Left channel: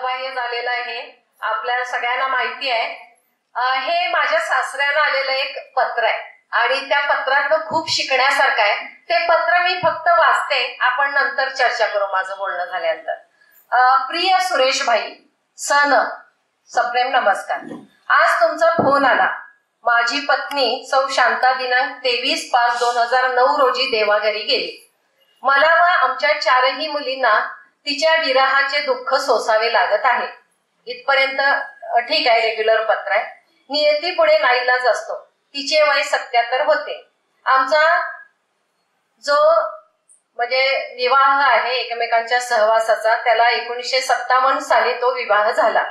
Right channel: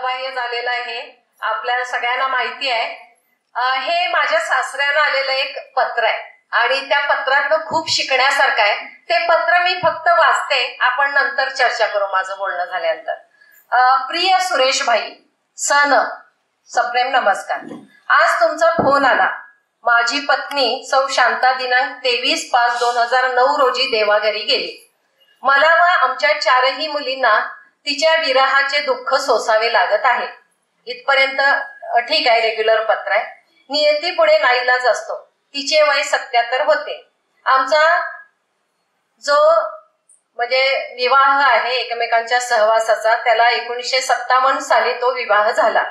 कालबाह्य झालेलं आहे, आपल्या सगळ्यांना माहिती आहे. हे माझ्या सासऱ्यानं आलेलं एक पत्र आहे आणि त्या पत्रातनं खूप शिकण्यासारखं आहे. ते पत्र मी फक्त वाचते, आपण नंतर चर्चा करू माझं बोलणं झाल्यानंतर. प्रिय सुरेश भाई, सप्रेम नमस्कार. आज तुमचा फोन आला. माझी पत्नी सौ शांता दिनांक 23/5/2009 रोजी देवाघरी गेली. मला व आमच्या 4ही मुलींना तिच्या विरहाचे दुःख सोसावे लागत आहे. इथपर्यंत ठीक आहे, रेग्युलर पत्र आहे. नियती पुढे नाईलाज असतो. तिचे वय 77 होते. आमचा जो म्हणजे विवाह आहे एकमेकांच्या सहवासाचा, त्याला 1957 साली तो विवाह झाला.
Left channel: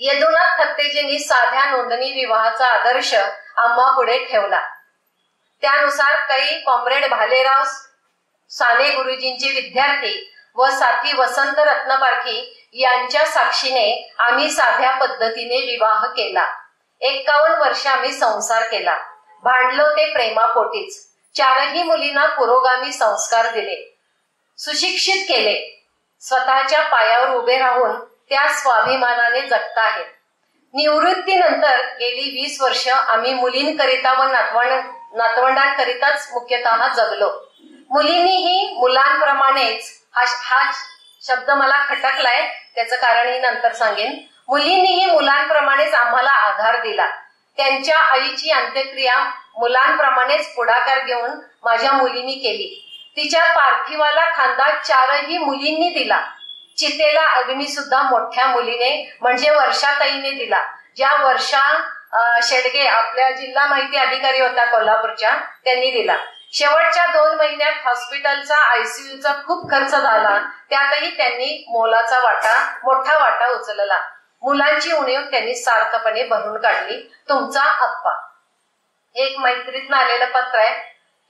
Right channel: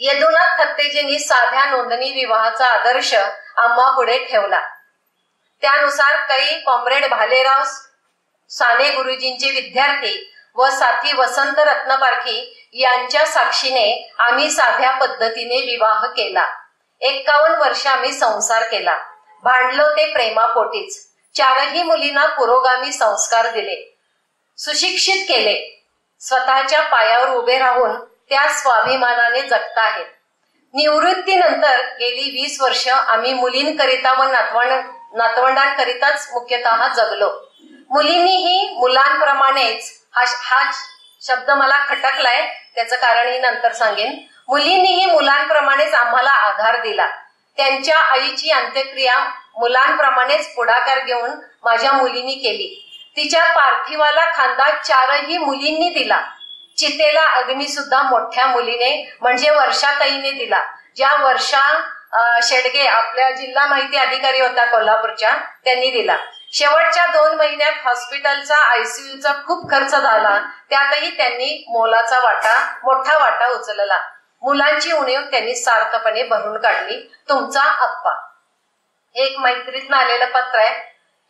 यदुनाथ थत्तेजींनी साध्या नोंदणी विवाहाचा आदर्श आम्हा पुढे ठेवला. त्यानुसार काही कॉम्रेड भालेराव साने गुरुजींचे विद्यार्थी व साथी वसंत रत्नपारखी यांच्या साक्षीने आम्ही साध्या पद्धतीने विवाह केला. 51 वर्ष आम्ही संसार केला. भांडलो ते प्रेमापोटीच. 4ही मुलींना पुरोगामी संस्कार दिले, सुशिक्षित केले. स्वतःच्या पायावर उभे राहून त्या स्वाभिमानाने जगत आहेत. निवृत्तीनंतर गेली 20 वर्ष आम्ही मुलींकरिता व नातवंडांकरिताच मुख्यतः जगलो. मुलींनीही मुलांप्रमाणेच, हा शब्द मला खटकलाय, त्याचं कारणही नंतर सांगेन. मुलींनीही मुलांप्रमाणेच आम्हाला आधार दिला. त्यांच्या आईची अंत्यक्रिया मुलांप्रमाणेच पुढाकार घेऊन माझ्या मुलींनी केली. तिच्या पार्थिवाला खांदा 4ही मुलींनी दिला. चितेला अग्नी सुद्धा मोठ्या मुलीने म्हणजे वर्षाताईने दिला. ज्या वर्षा शेडगे आपल्या जिल्हा माहिती अधिकारी होता कोल्हापूरच्या, त्यांनी दिला. शेवटच्या 2 महिन्यात हॉस्पिटलचा आयसीयूचा खूप खर्च झाला, त्यातही त्यांनी मोठा वाटा उचलला. मुलांची उणीव त्यांनी सार्थपणे भरून काढली. तुमचा अप्पा. एक मैत्रीतनं आलेलं पत्र आहे.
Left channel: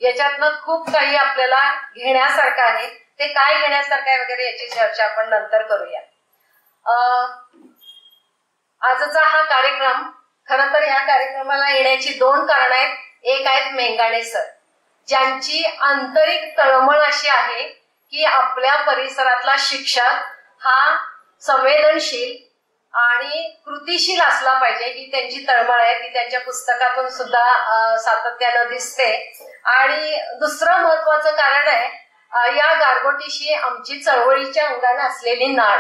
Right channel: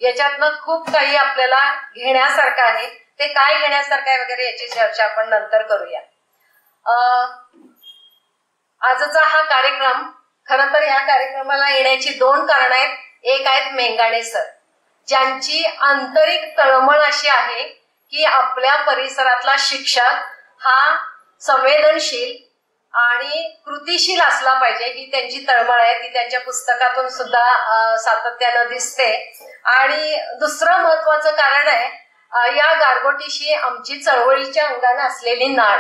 याच्यातनं खूप काही आपल्याला घेण्यासारखं आहे. ते काय घेण्यासारखं आहे वगैरे याची चर्चा आपण नंतर करूया. आजचा हा कार्यक्रम, खरं तर ह्या कार्यक्रमाला येण्याची 2 कारणं आहेत. एक आहेत मेंगाणे सर, ज्यांची आंतरिक तळमळ अशी आहे की आपल्या परिसरातला शिक्षक हा संवेदनशील आणि कृतिशील असला पाहिजे, ही त्यांची तळमळ आहे. ती त्यांच्या पुस्तकातून सुद्धा सातत्यानं दिसते. आणि दुसरं महत्वाचं कारण आहे, या गारगोटीशी आमची चळवळीच्या अंगाने असलेली नाळ.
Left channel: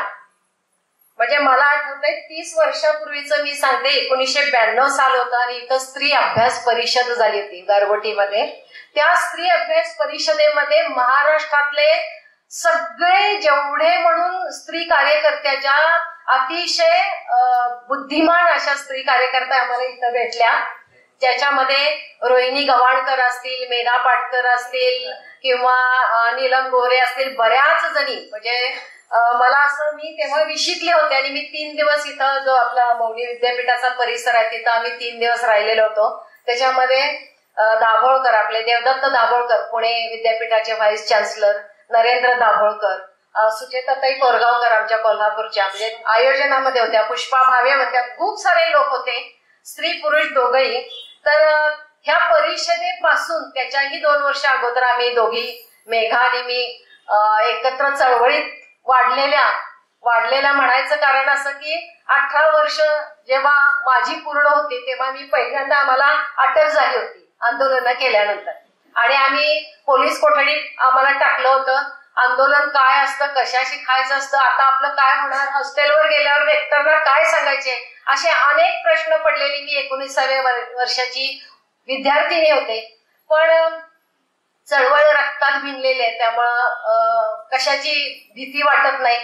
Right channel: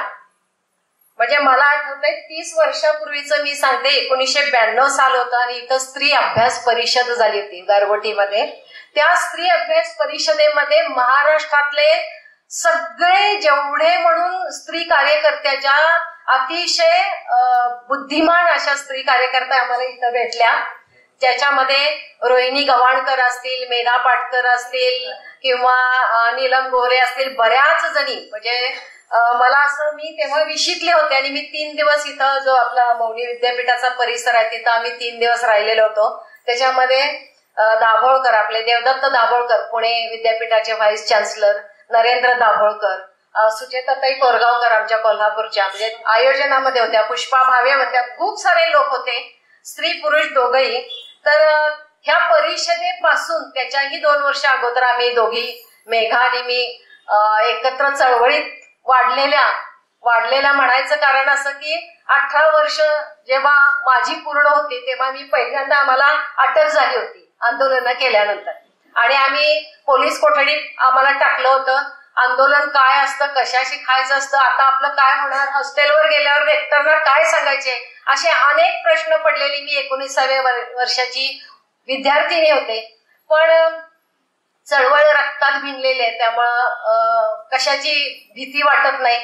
म्हणजे मला आठवतंय 30 वर्षापूर्वीचं मी सांगते, 1992 साल होतं आणि इथं स्त्री अभ्यास परिषद झाली होती गारगोटीमध्ये. त्या स्त्री अभ्यास परिषदेमध्ये महाराष्ट्रातले सगळे जेवढे म्हणून स्त्री कार्यकर्त्याच्या अतिशय बुद्धिमान अशा स्त्री कार्यकर्त्या आम्हाला इथं भेटल्या, ज्याच्यामध्ये रोहिणी गवाणकर असतील, मेधा पाटकर असतील किंवा नीलम गोरे असतील, बऱ्याच जणी. म्हणजे मला असं, मी तेव्हा विशिकले होते आणि मी 3 दिवस इथं जो आपला मौनी विद्यापीठाचा परिसर आहे तिथं आम्ही 3 दिवस राहिलेलो होतो. त्याच्यामध्ये दाभोळकर, आपले देवदत्त दाभोळकर, पुणे विद्यापीठाचे व्हाईस चान्सलर, नरेंद्र दाभोळकर, सुचेताताई कोरगावकर आमच्या कोल्हापूरच्या म्हणजे आयोजनामध्ये होत्या, पुष्पा भावे होत्या, खूप सारे लोक होते, स्त्री पुरुष दोघही. तर ह्या परिषदेपासून त्याच्याही 2 वर्ष अगोदर आम्ही दोघी, मेघा आणि मी, एकत्र चळवळीत वाढलेल्या म्हणायचं कारण असं की 18 वर्ष जेव्हा माझी पूर्ण होती तेव्हा मी पहिल्यांदा, आम्हाला अटक झाली होती आंदोलन केल्यानंतर आणि आम्ही पोलीस कोठडीत आम्हाला टाकलं होतं. आंदोलन काय असतं, कशाशी खायचं असतं, आता आपलं काय होणार, हॉस्टेलवर गेल्यावर रेक्टरला काय सांगायचे, असे अनेक प्रश्न पडलेले. मी 19व्या वर्षाची विद्यार्थिनी होते, पण चळवळ रक्तात भिनलेली आहे, त्यामुळं कशाची भीती वाटत नाही.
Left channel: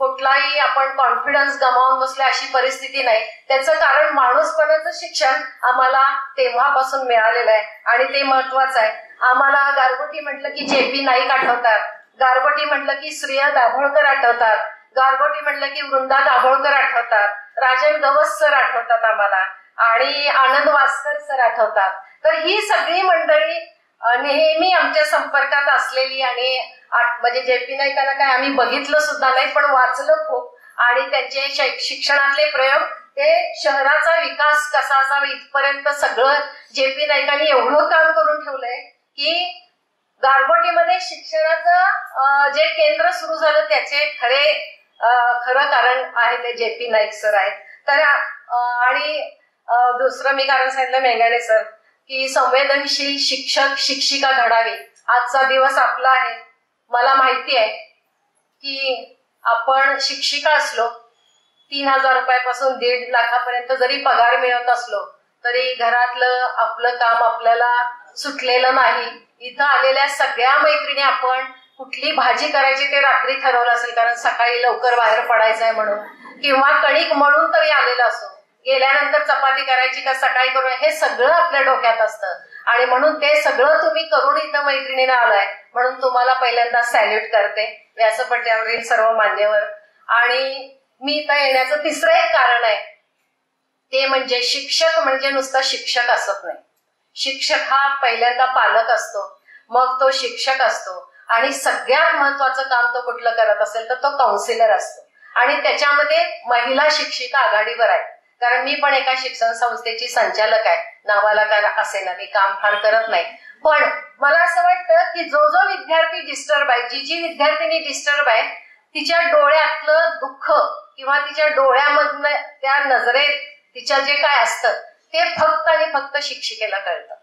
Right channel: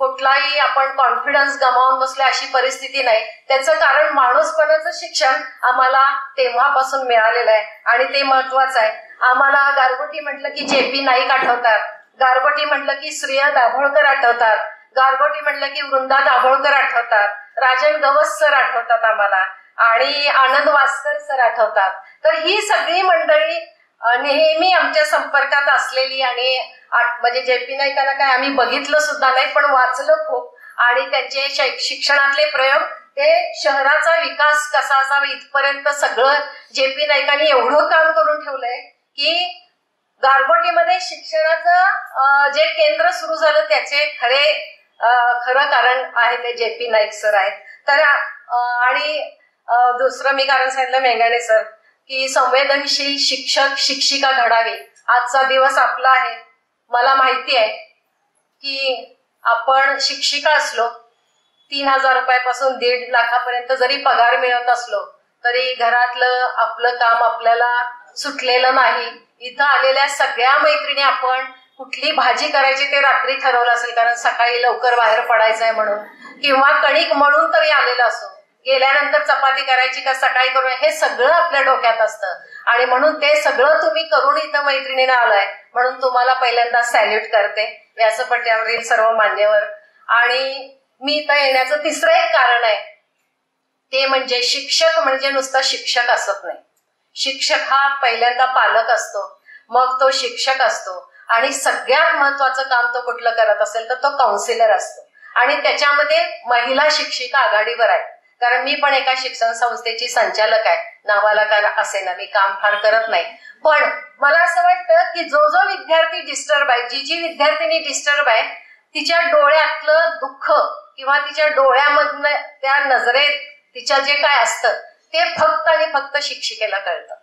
कुठलाही आपण कॉन्फिडन्स गमावून बसले अशी परिस्थिती नाही. त्याचं कारण माणूसपणाचं शिक्षण आम्हाला तेव्हापासून मिळालेलं आहे आणि ते महत्वाचं आहे. आम्हाला गारगोटी म्हटलं की JP नाईक आठवतात, गारगोटी म्हटलं की श्रेया दाभोळकर आठवतात, गारगोटी म्हटलं की वृंदा दाभोळकर आठवतात, राजन गवस सर आठवतात आम्हाला आणि आनंद वास्कर सर आठवतात. तर ही सगळी मंडळी नेहमी आमच्या संपर्कात असलेली आणि म्हणजे JP नाईकांना काय आम्ही बघितलं सुद्धा नाही, पण वाचलं खूप. आणि त्यांचे शिक्षणातले प्रयोग, ते शहराचा विकास कसा असावा इथपर्यंत सगळं JP नाईकांनी एवढं काम करून ठेवलंय की गारगोटीमध्ये शिक्षणाचं जे केंद्र सुरू झालं त्याचे खरे खरं कारण आहे ते JP नाईक सर आहेत. तर आणि दुसरं मी कारण सांगितलं मेंगाणे सर की संवेदनशील शिक्षक शिक्षिका घडावी. आजचा दिवस आपला आहे. मला माहिती आहे की आपण शिक्षिका असलो 3,000 रुपयापासून 1.5 लाखापर्यंत जरी पगार मिळत असलो तरी घरातलं आपलं काम आपल्याला सुटलेलं नाही. इथं आलेल्या सगळ्या मैत्रिणी आपण कुठली भाजी करायची ते रात्री ठरवलं असेल कारण सकाळी लवकर बाहेर पडायचं आहे म्हणून, किंवा कणिक मळून तरी आलेलं असो, गेल्यानंतर चपाती करायची का सकाळी करून, हे सगळं आपल्या डोक्यात असतं. आणि म्हणून ते सगळं तुम्ही करून इथं मैत्रिणीनं आलाय म्हणून तुम्हाला पहिल्यांदा सॅल्यूट करते व्यासपीठावरील सर्व मान्यवर. आणि मी इथं येण्याचं तिसरं एक कारण आहे ते म्हणजे शिक्षक म्हणजे नुसता शिक्षक असत नाही. शिक्षक हा पहिल्यांदा पालक असतो, मग तो शिक्षक असतो, आणि सगळ्यात महत्वाचं काम तो कुठलं करत असेल तर तो काउन्सिलर असतो. आणि त्याच्यामध्ये महिला शिक्षिका आघाडीवर आहे. कारण मी पण एका शिक्षण संस्थेची संचालक आहे, नावाला काय असे ना, मी काम फार करत नाही. पण मला असं वाटतं की जो जो विद्यार्थी डिस्टर्ब आहे, जी जी विद्यार्थिनी डिस्टर्ब आहे, तिच्या डोळ्यातलं दुःख किंवा तिच्या डोळ्यामधनं त्या नजरेत तिच्या जे काय असतं ते फक्त आणि फक्त शिक्षिकेला कळतं,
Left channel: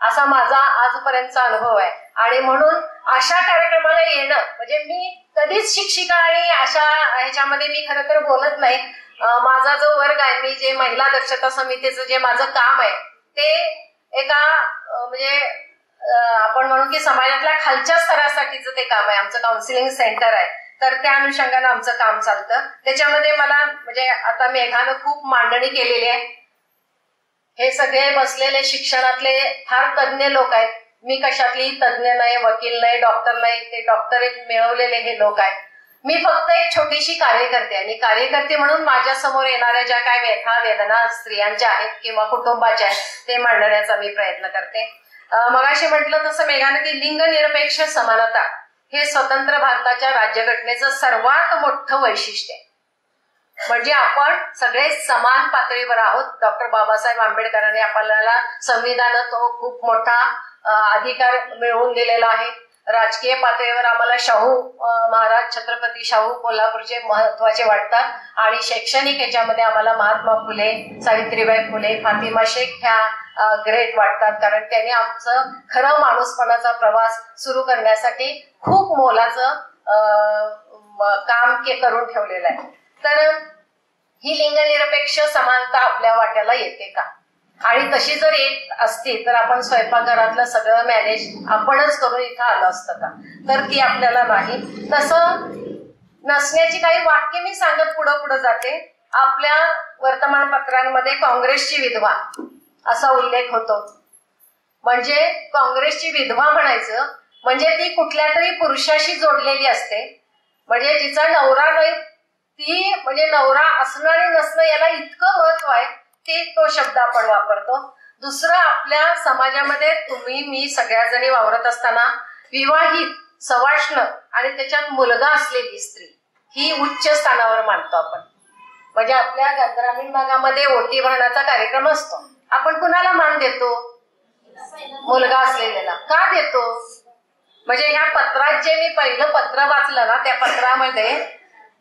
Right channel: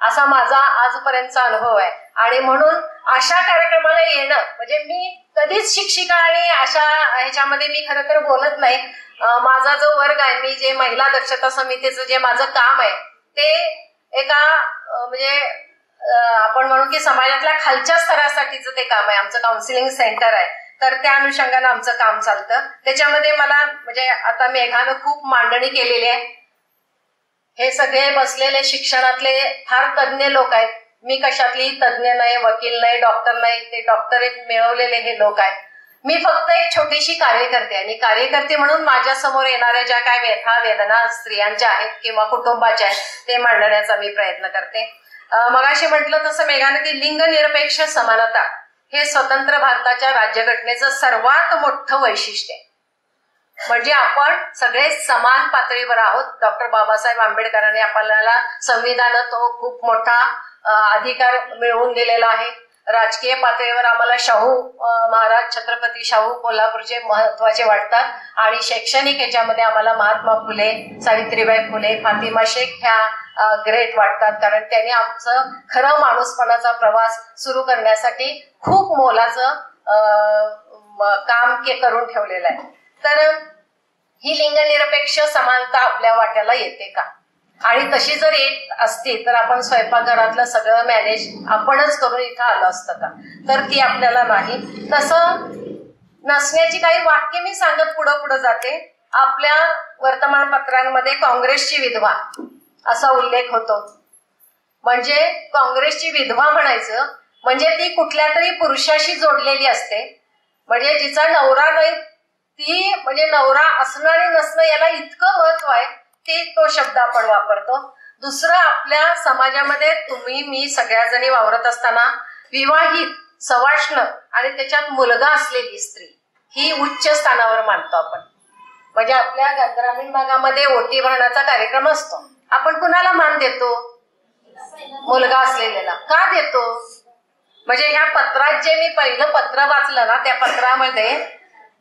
असा माझा आजपर्यंतचा अनुभव आहे. आणि म्हणून अशा कार्यक्रमाला येणं म्हणजे मी कधीच शिक्षिका आणि अशा ह्याच्यामध्ये मी खरं तर बोलत नाही. माझा जो वर्ग आहे, मी जे महिला दक्षता समितीचं जे माझं काम आहे ते एका म्हणजे आपण म्हणू की समाजातल्या खालच्या स्तरासाठीचं ते काम आहे. आमचं काउन्सिलिंग सेंटर आहे, तर त्या अनुषंगानं आमचं काम चालतं. त्याच्यामध्ये मला म्हणजे आता मेघानं खूप मांडणी केलेली आहे. हे सगळे बसलेले शिक्षणातले फार तज्ज्ञ लोक आहेत. मी कशातली तज्ज्ञ नाही, वकील नाही, डॉक्टर नाही, ते डॉक्टरेट मिळवलेले हे लोक आहेत. मी फक्त एक छोटीशी कार्यकर्ते, आणि कार्यकर्ते म्हणून माझ्या समोर येणाऱ्या ज्या काय व्यथा वेदना स्त्रियांच्या आहेत किंवा कुटुंबाच्या आहेत ते मांडण्याचा मी प्रयत्न करते. मगाशी म्हटलं तसं मेघानं की लिंगनिरपेक्ष समानता हे स्वतंत्र भारताच्या राज्यघटनेचं सर्वात मोठं वैशिष्ट्य आहे. म्हणजे आपण सगळे समान पातळीवर आहोत. डॉक्टर बाबासाहेब आंबेडकरांनी आपल्याला संविधानात तो खूप मोठा अधिकार मिळवून दिलेला आहे. राजकीय पातळीवर आम्हाला शाहू महाराज छत्रपती शाहू कोल्हापूरचे महत्वाचे वाटतात, आणि शैक्षणिक याच्यामध्ये आम्हाला महात्मा फुले, सावित्रीबाई फुले, फातिमा शेख ह्या ग्रेट वाटतात, कारण त्यांनी आमचं खरं माणूसपणाचा प्रवास सुरू करण्यासाठी खूप मोलाचं काम करून ठेवलेलं आहे. तर ही लिंगनिरपेक्ष समानता आपल्या वाट्याला येते का? आणि तशी जर येत असती तर आपण स्वयंपाकघरातलं सगळं मॅनेज आपणच करून इथं आलं असतं का? तर ती आपल्याला नाही. तसं नसण्याची काही वाक्य मी सांगत पुढं जाते. आपल्या वर्तमानपत्रांमध्ये काँग्रेसची विधवा असा उल्लेख होतो. म्हणजे काँग्रेसची विधवा म्हणायचं म्हणजे ती कुठल्या तरी पुरुषाशी जोडलेली असते, म्हणजे जिचा नवरा नाही, ती म्हणजे नवरा असणं आणि नसणं याला इतकं महत्व आहे ते तो शब्द आपण वापरतो. दुसरं, आपल्या समाजामध्ये तुम्ही मी सगळ्या जणी वावरत असताना विवाहित, सवाष्ण आणि त्याच्यात मुलगा असलेली स्त्री ही उच्च स्थानावर मानतो आपण. म्हणजे आपल्या ग्रामीण भागामध्ये ओटी भरण्याचा कार्यक्रम असतो, आपण कुणाला मान देतो? मुलगा असलेल्याला. का देतो? म्हणजे ह्या पत्रात जे मी पहिलं पत्र वाचलं ना, त्या पत्रामध्ये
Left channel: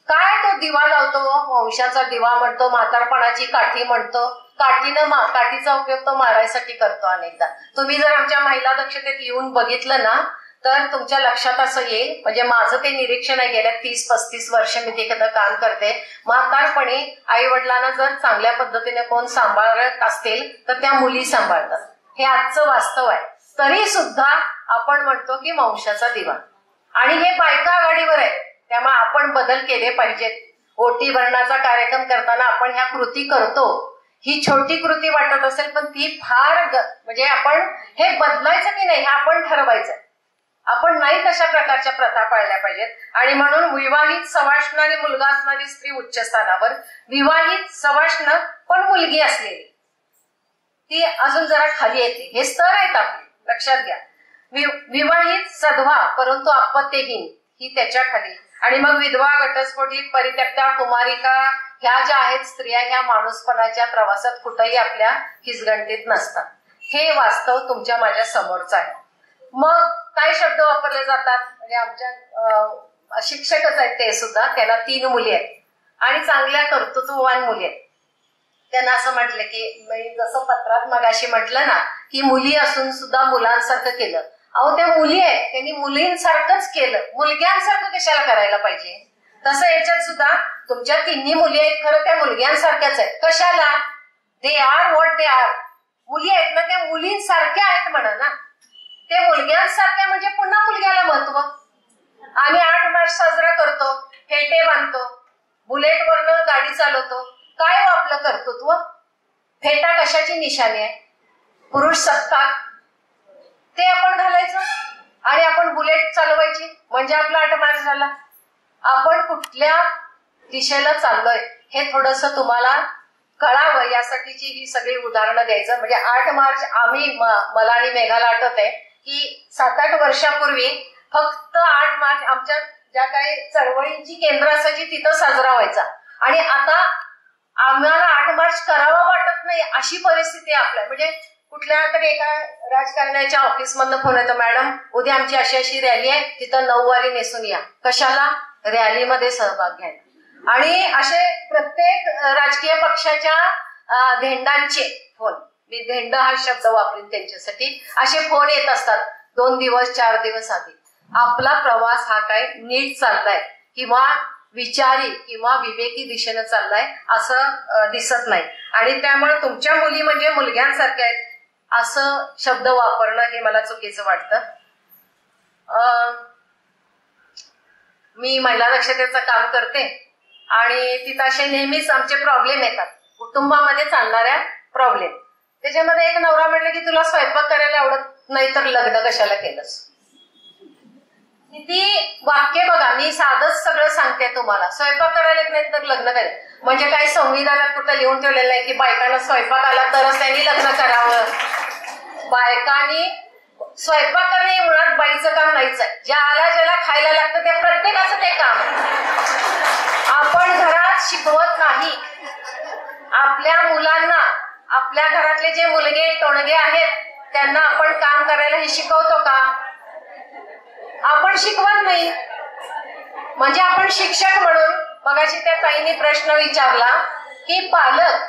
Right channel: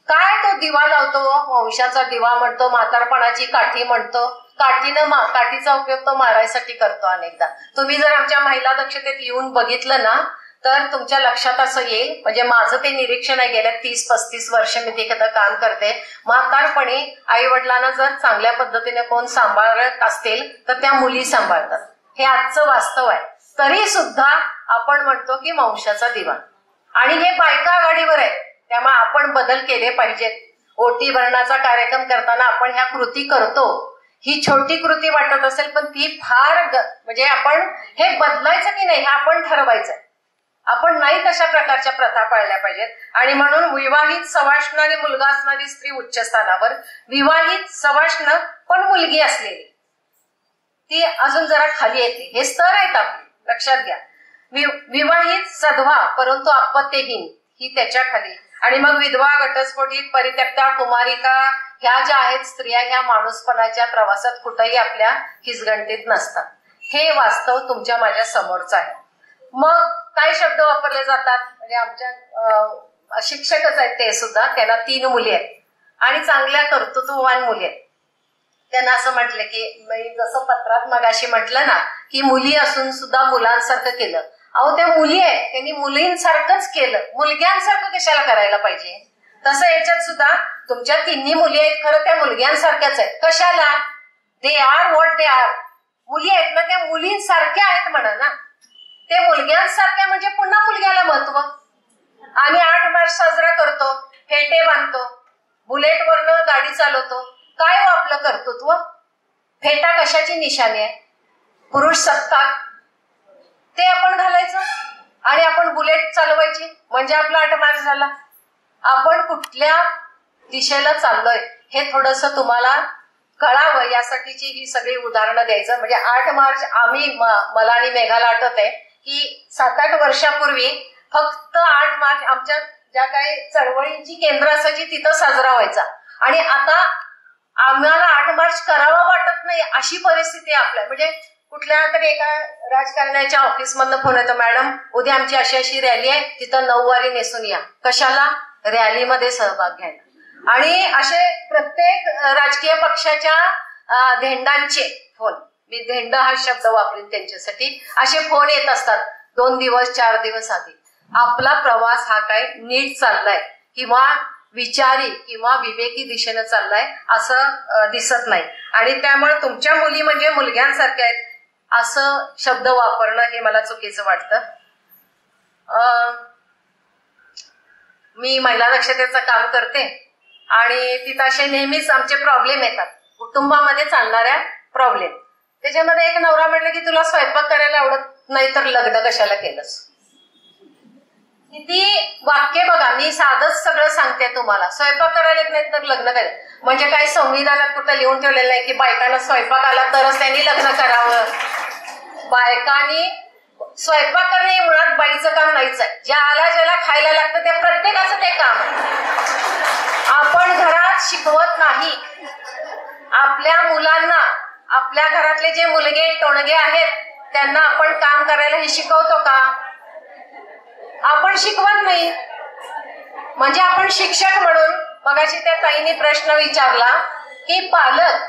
काय तो दिवा लावतो, वंशाचा दिवा म्हणतो, म्हातारपणाची काठी म्हणतो. काठीचा उपयोग तो मारायसाठी करतो अनेकदा. तुम्ही जर आमच्या महिला दक्षतेत येऊन बघितलं ना तर तुमच्या लक्षात असं येईल. म्हणजे माझं ते निरीक्षण आहे, गेल्या 30-35 वर्ष मी ते काम करते. म्हातारपणी आई वडिलांना जर चांगल्या पद्धतीने कोण सांभाळत असतील तर त्या मुली सांभाळतात. हे आजचं वास्तव आहे. तरी सुद्धा आपण म्हणतो की वंशाचा दिवा, आणि हे बायका आघाडीवर आहे. त्यामुळे आपण बदल केले पाहिजेत. ओटी भरण्याचा कार्यक्रम करताना आपण ह्या कृती करतो, ही छोटी कृती वाटत असेल पण ती फार म्हणजे आपण हे बदलायचं की नाही हे आपण ठरवायचं. आपण नाही तशा प्रकारच्या प्रथा पाळल्या पाहिजेत. आणि म्हणून विवाहित, सवाष्ण आणि मुलगा असणारी स्त्री उच्च स्थानावर, विवाहित, सवाष्ण पण मुलगी असलेली ती अजून जरा खाली येते. हे स्तर आहेत आपले, लक्षात घ्या. विवाहित, सधवा परंतु आपत्तीहीन ही त्याच्या खाली, आणि मग विधवा, घटस्फोटित, परित्यक्ता, कुमारिका ह्या ज्या आहेत स्त्रिया, ह्या माणूसपणाच्या प्रवासात कुठेही आपल्या हिसगणतीत नसतात. हे वास्तव तुमच्या माझ्या समोरच आहे. मग काय शब्द वापरले जातात? म्हणजे आमच्या शिक्षकच आहेत ते सुद्धा, त्यांना 3 मुली आहेत आणि चांगल्या कर्तृत्ववान मुली आहेत. त्यांना असं म्हटलं की मी जसं पत्रात मगाशी म्हटलं ना की मुली असून सुद्धा मुलांसारखं केलं. अहो त्या मुली आहेत, त्यांनी मुलींसारखंच केलं, मुलग्यांसारखं कशाला करायला पाहिजे. तसं याच्यात सुद्धा तुमच्या 3 मुली आहेत, खरं त्या मुलग्यांसारख्याच आहेत. कशाला, they are what they are. मुली आहेत ना त्या मुलींसारख्या आहेत म्हणा ना. ते मुलग्यांसारख्या म्हणजे पुन्हा मुलग्याला महत्व. आम्ही 8 मार्च साजरा करतो, फेटे बांधतो, बुलेटवरनं गाडी चालवतो. काय हो आपलं कर्तृत्व? फेटा कशाची निशाणी आहे? पुरुष सत्ताक ते आपण घालायचं आणि आपण बुलेट चालवायची म्हणजे आपला 8 मार्च झाला. आपण कुठल्या दिशेला चाललोय हे थोडस तुम्हाला कळावं यासाठीची ही सगळी उदाहरणं द्यायचं. म्हणजे 8 मार्च आम्ही मला आणि मेघाला आठवत आहे की 7-8 वर्षापूर्वी फक्त 8 मार्च आमच्या ज्या काही चळवळींची केंद्र असायची तिथं साजरा व्हायचा आणि आता आम्हाला 8 मार्च करावा वाटत नाही अशी परिस्थिती आहे आपल्या. म्हणजे कुठल्या तरी एका राजकारण्याच्या ऑफिसमधनं फोन येतो, मॅडम उद्या आमची अशी अशी रॅली आहे, तिथं 9 वारी नेसून या. कशाला? रॅलीमध्ये सहभाग घ्यायला. आणि असे प्रत्येक राजकीय पक्षाच्या धेंडांचे फोन, मी धेंड हा शब्द वापरेन त्यांच्यासाठी, असे फोन येत असतात 2 दिवस 4 दिवस आधी. आपला प्रवास हा काय नीट चाललाय किंवा विचारी किंवा विवेकी दिशेनं चाललाय असं दिसत नाही. आणि त्यामुळे तुमच्या मुली म्हणजे मुलग्यांसारख्या आहेत असं शब्द वापरणं हे मला चुकीचं वाटतं. मी महिला दक्षतेचं काम करते आणि तिथं असे नेहमीच आमचे प्रॉब्लेम येतात, कुटुंबामध्ये चालणाऱ्या प्रॉब्लेम. त्याच्यामध्ये एक नवरा म्हटलं की तुला स्वयंपाक करायला आवडत नाही तर लग्न कशाला केलंस. किती वाक्य बघा, मी साधच सगळं सांगते तुम्हाला. स्वयंपाक करायला येत नाही तर लग्न करायला म्हणजे काही संविधानात कुठं लिहून ठेवलेलं आहे की बायकांना स्वयंपाक आला तरच त्यांनी लग्न करावं. बायकांनी स्वयंपाक करणे हे मुळात बाईचं काम नाहीच आहे. ज्याला खायला लागतं त्या प्रत्येकाचं ते काम. आपण घरात शिकवत नाही आपल्या मुलांना. आपल्या घरातले जे मुलगे टोणगे आहेत त्यांना आपण काम करायला हे शिकवतो का? आपण शिकवत नाही. म्हणजे आपण शिक्षक म्हणून मगाशी त्या ताईने प्रश्न विचारला की पालक,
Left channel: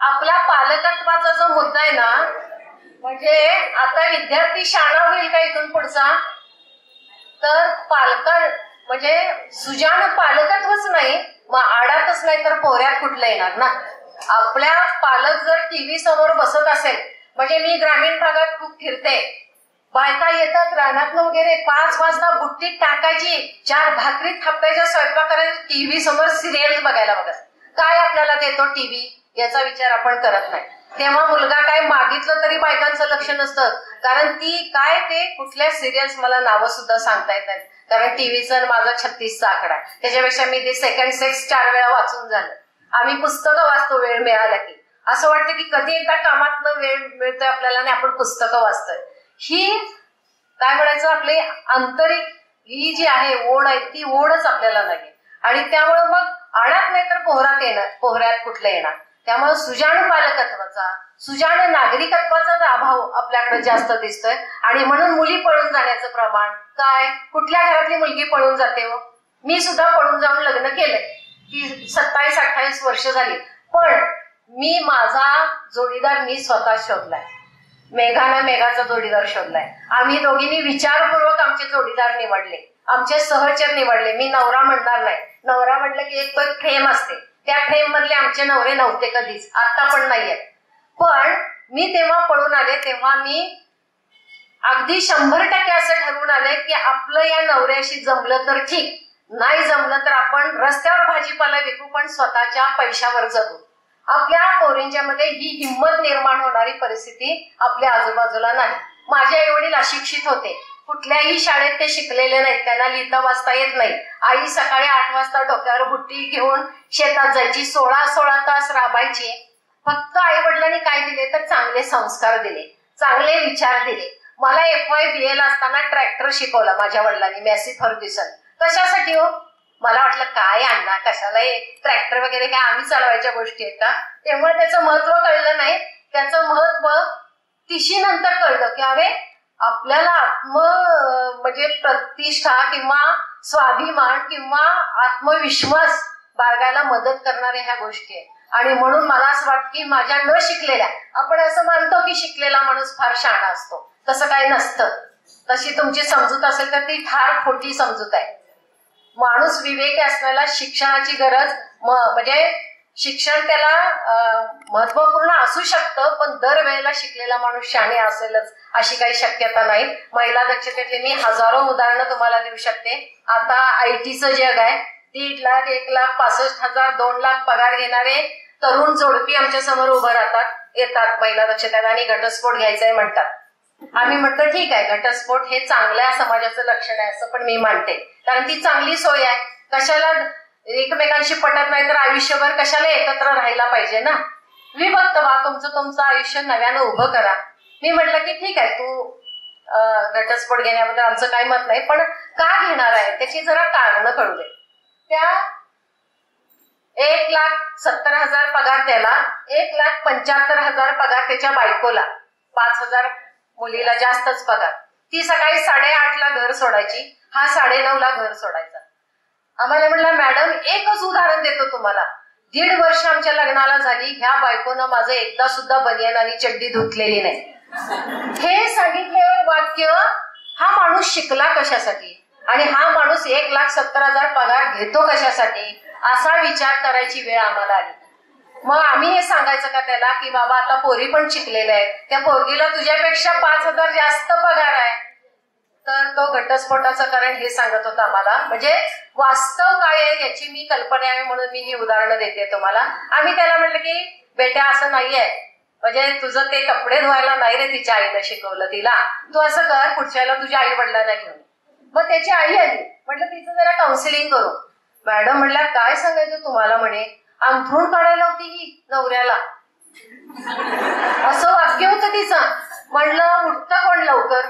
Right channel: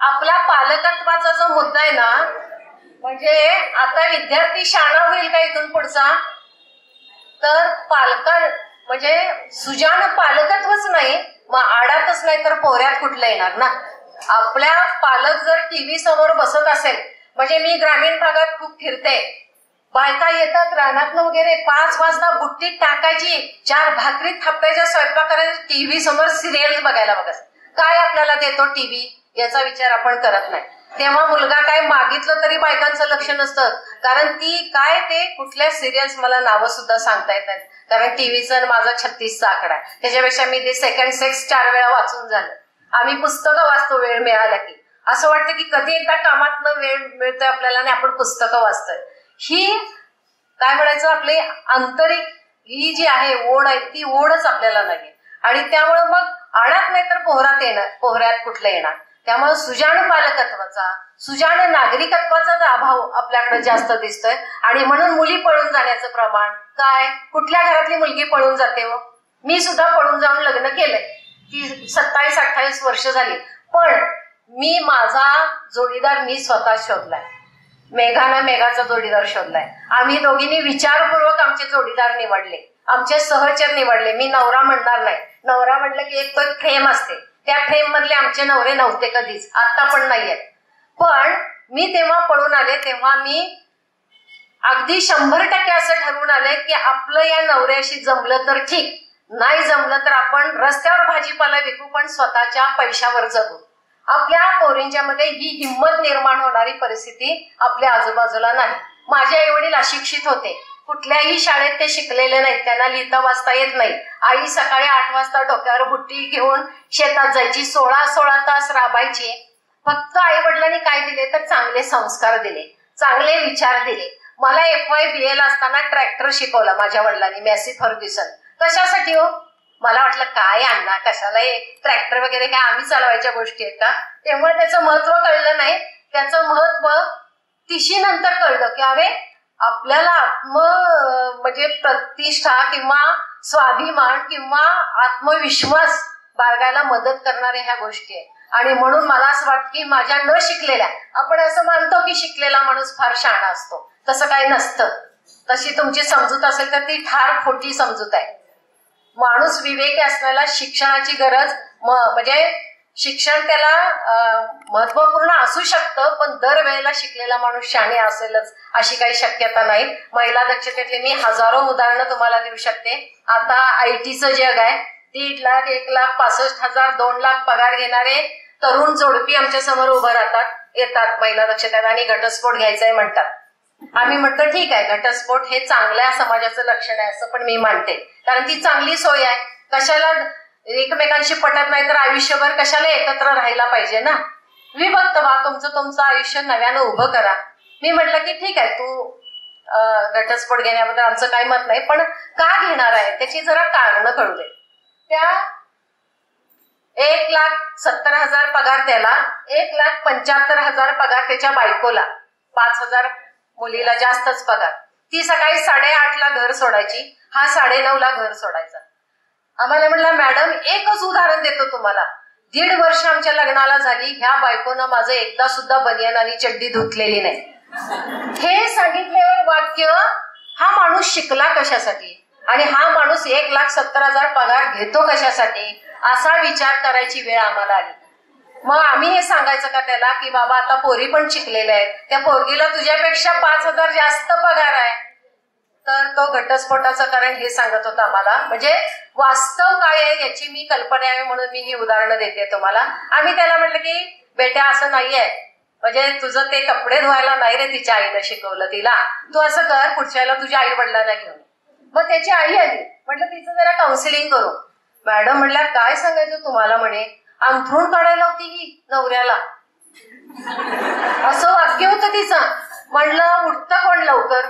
आपला पालकत्वाचा जो मुद्दा आहे ना, म्हणजे आता विद्यार्थी शाळा होईल का इथून पुढचा, तर पालका म्हणजे सुजान पालकत्वच नाही मग आडातच नाही तर पोऱ्यात कुठलं येणार ना. आपल्या पालक जर टीव्ही समोर बसत असेल, म्हणजे मी ग्रामीण भागात खूप फिरते, बायका येतात रानातनं वगैरे 5 वाजता बुट्टीत टाकायची, 4 भाकरी थापायच्या, स्वयंपाक करायचा, टीव्ही समोर सिरियल बघायला बघत. काय आपल्याला देतो टीव्ही याचा विचार आपण करत नाही. तेव्हा मुलगा काय मागितलं तरी बायकांचं लक्ष नसतं, कारण ती काय ते कुठल्या सिरियल्स मला नावं सुद्धा सांगता येत नाहीत, कारण टीव्हीचं माझा 36चा आकडा आहे. त्याच्यापेक्षा मी ते सेकंड सेक्स 4 वेळा वाचून झालं. आम्ही पुस्तकं वाचतो वेळ मिळाला की. असं वाटतं की कधी एकदा कामातनं वेळ मिळतोय आपल्याला आणि आपण पुस्तकं वाचतोय. ही काय म्हणायचं आपली आंतरिक ही जी आहे ओढ आहे ती ओढच आपल्याला नाही. आणि त्यामुळे मग आडात नाही तर पोहऱ्यात कुठलं येणार. त्यामुळे सुजाण पालकत्वाचा, सुजाण नागरिकत्वाचा अभाव आपल्याकडे जास्त दिसतोय. आणि म्हणून मुली पळून जाण्याचं प्रमाण काय, कुठल्या घरातली मुलगी पळून जाते हो? मी सुद्धा पळून जाऊन लग्न केलंय की 27-28 वर्ष झाली, पण मी माझा जोडीदार मी स्वतः शोधलाय. मेघानं मेघाचा जोडीदार शोधलाय. आम्ही दोघींनी विचारपूर्वक आमचे जोडीदार निवडले, आमचे सहचर निवडले. मी नवरा म्हणणार नाही. नवरा म्हटलं की एक तो फ्रेम असते, त्या फ्रेम मधले आमचे नवरे नव्हते कधीच, आता पण नाहीयेत. पण मी तेव्हा पळून आले, तेव्हा मी अगदी 100% असं ठरवून आले की आपलं या नवऱ्याशी जमलं तर ठीक, नाही जमलं तर आपण रस्त्यावर भाजीपाला विकू पण स्वतःच्या पैशावर जगू. आपल्या पोरींच्या मध्ये ही हिंमत निर्माण होणारी परिस्थिती आपल्या आजूबाजूला नाही. माझे आई वडील अशिक्षित होते, कुठल्याही शाळेत ते शिकलेले नाहीत, त्यांना लिहिता वाचता येत नाही. आई सकाळी 8 वाजता डोक्यावर बुट्टी घेऊन शेतात जायची, 16 तास राबायची. फक्त आई वडिलांनी काय दिले तर चांगले संस्कार दिले, चांगले विचार दिले. मला FY BA ला असताना ट्रॅक्टर शिकवला माझ्या वडिलांनी, मॅसी फर्ग्युसन. कशासाठी हो? मला वाटलं काय अण्णा कशाला ट्रॅक्टर वगैरे काय आम्ही चालवायच्या गोष्टी आहेत का. तेव्हा त्याचं महत्व कळलं नाही. त्याचं महत्व तिशी नंतर कळलं की अरे आपल्याला म्हणजे प्रतिष्ठा किंवा स्वाभिमान किंवा आत्मविश्वास बाळगायला मदत करणाऱ्या ह्या गोष्टी आहेत. आणि म्हणून मला असं वाटतं की माझ्या न शिकलेल्या, आपण असं मानतो की शिकलेला माणूस फार शहाणा असतो, तसं काही नसतं. तशी तुमची समजूत असेल तर ती फार खोटी समजूत आहे. माणूस विवेकी असण्याला शिक्षणाची गरज, म्हणजे शिक्षण त्याला महत्वपूर्ण असू शकतं, पण दरवेळेला शिकलेला माणूस शहाणे असेलच अशी काही शक्यता नाही. महिला दक्षतेतले मी हजारो उदाहरणं तुम्हाला देऊ शकते. आता आयटीचं जग आहे. 1.5 लाख, 1,65,000, 2 लाख पगार घेणारे तरुण जोडपी आमच्या समोर उभं येतात महिला दक्षतेत आणि घटस्फोट घ्यायचाय म्हणतात. आम्ही म्हणतो ठीक आहे, घटस्फोट हे चांगल्या समाजाचं लक्षण आहे असं पण मी मानते, कारण ती चांगली सोय आहे. कशाला एकमेकांशी पटत नाही तर आयुष्यभर कशाला एकत्र राहायला पाहिजे ना. विभक्त व्हा, तुमचं आयुष्य नव्यानं उभं करा. मी म्हटलं की ठीक आहे, तू घटस्फोट घेण्याबद्दल आमचं काही मत नाही, पण का घेणार आहे त्याची जरा कारणं कळू दे. त्या 1,70,000 पगार त्याला, 1,75,000 पगार त्याच्या बायकोला, 5,000 मुलीला जास्तच पगार. ती सकाळी 8:30ला घर सोडायची, हा 9:30ला घर सोडायचा. आम्हाला म्हटलं मॅडम एकच उदाहरण देतो तुम्हाला, 1.5 वर्ष आमच्या लग्नाला झाली, ह्या बायकोनं माझं एकदा सुद्धा बनियान आणि चड्डी धुतलेली नाही. हे सांगितल्यावर वाक्य, हा माणूस शिकला कशासाठी आणि हा माणूस 1,70,000 पगार घेतो कशासाठी, असा विचार करायची वेळ आम्हाला आली. मग आम्ही हे सांगायचं का त्याला की बाबा आता पोरी पण शिकलेल्या आहेत, त्या पोरगीला तुझ्यापेक्षा 5,000 जास्त पगार आहे. तर तो घटस्फोटाचं कारण हे सांगत होता आम्हाला. म्हणजे वास्तव काय आहे याची मी कल्पना यावी म्हणून मी ही उदाहरणं देते तुम्हाला. आम्ही त्याला म्हटलं की बेटा असं नाहीये, म्हणजे तुझं ते कपडे धुवायला नाही रे तिच्या आईनं शिकवलं तिला, तू असं कर पुढच्या वेळेला तुझ्या आई वडिलांना घेऊन. मग त्याची आई आली, म्हटलं तिचं जरा काउन्सिलिंग करू. मॅडम म्हटल्या काय सांगायचं तुम्हाला, म्हणे अंथरूण काढायला होती ही नवऱ्याला, असं वाक्य होतं तिचं. म्हणलं उठतं कोण लवकर,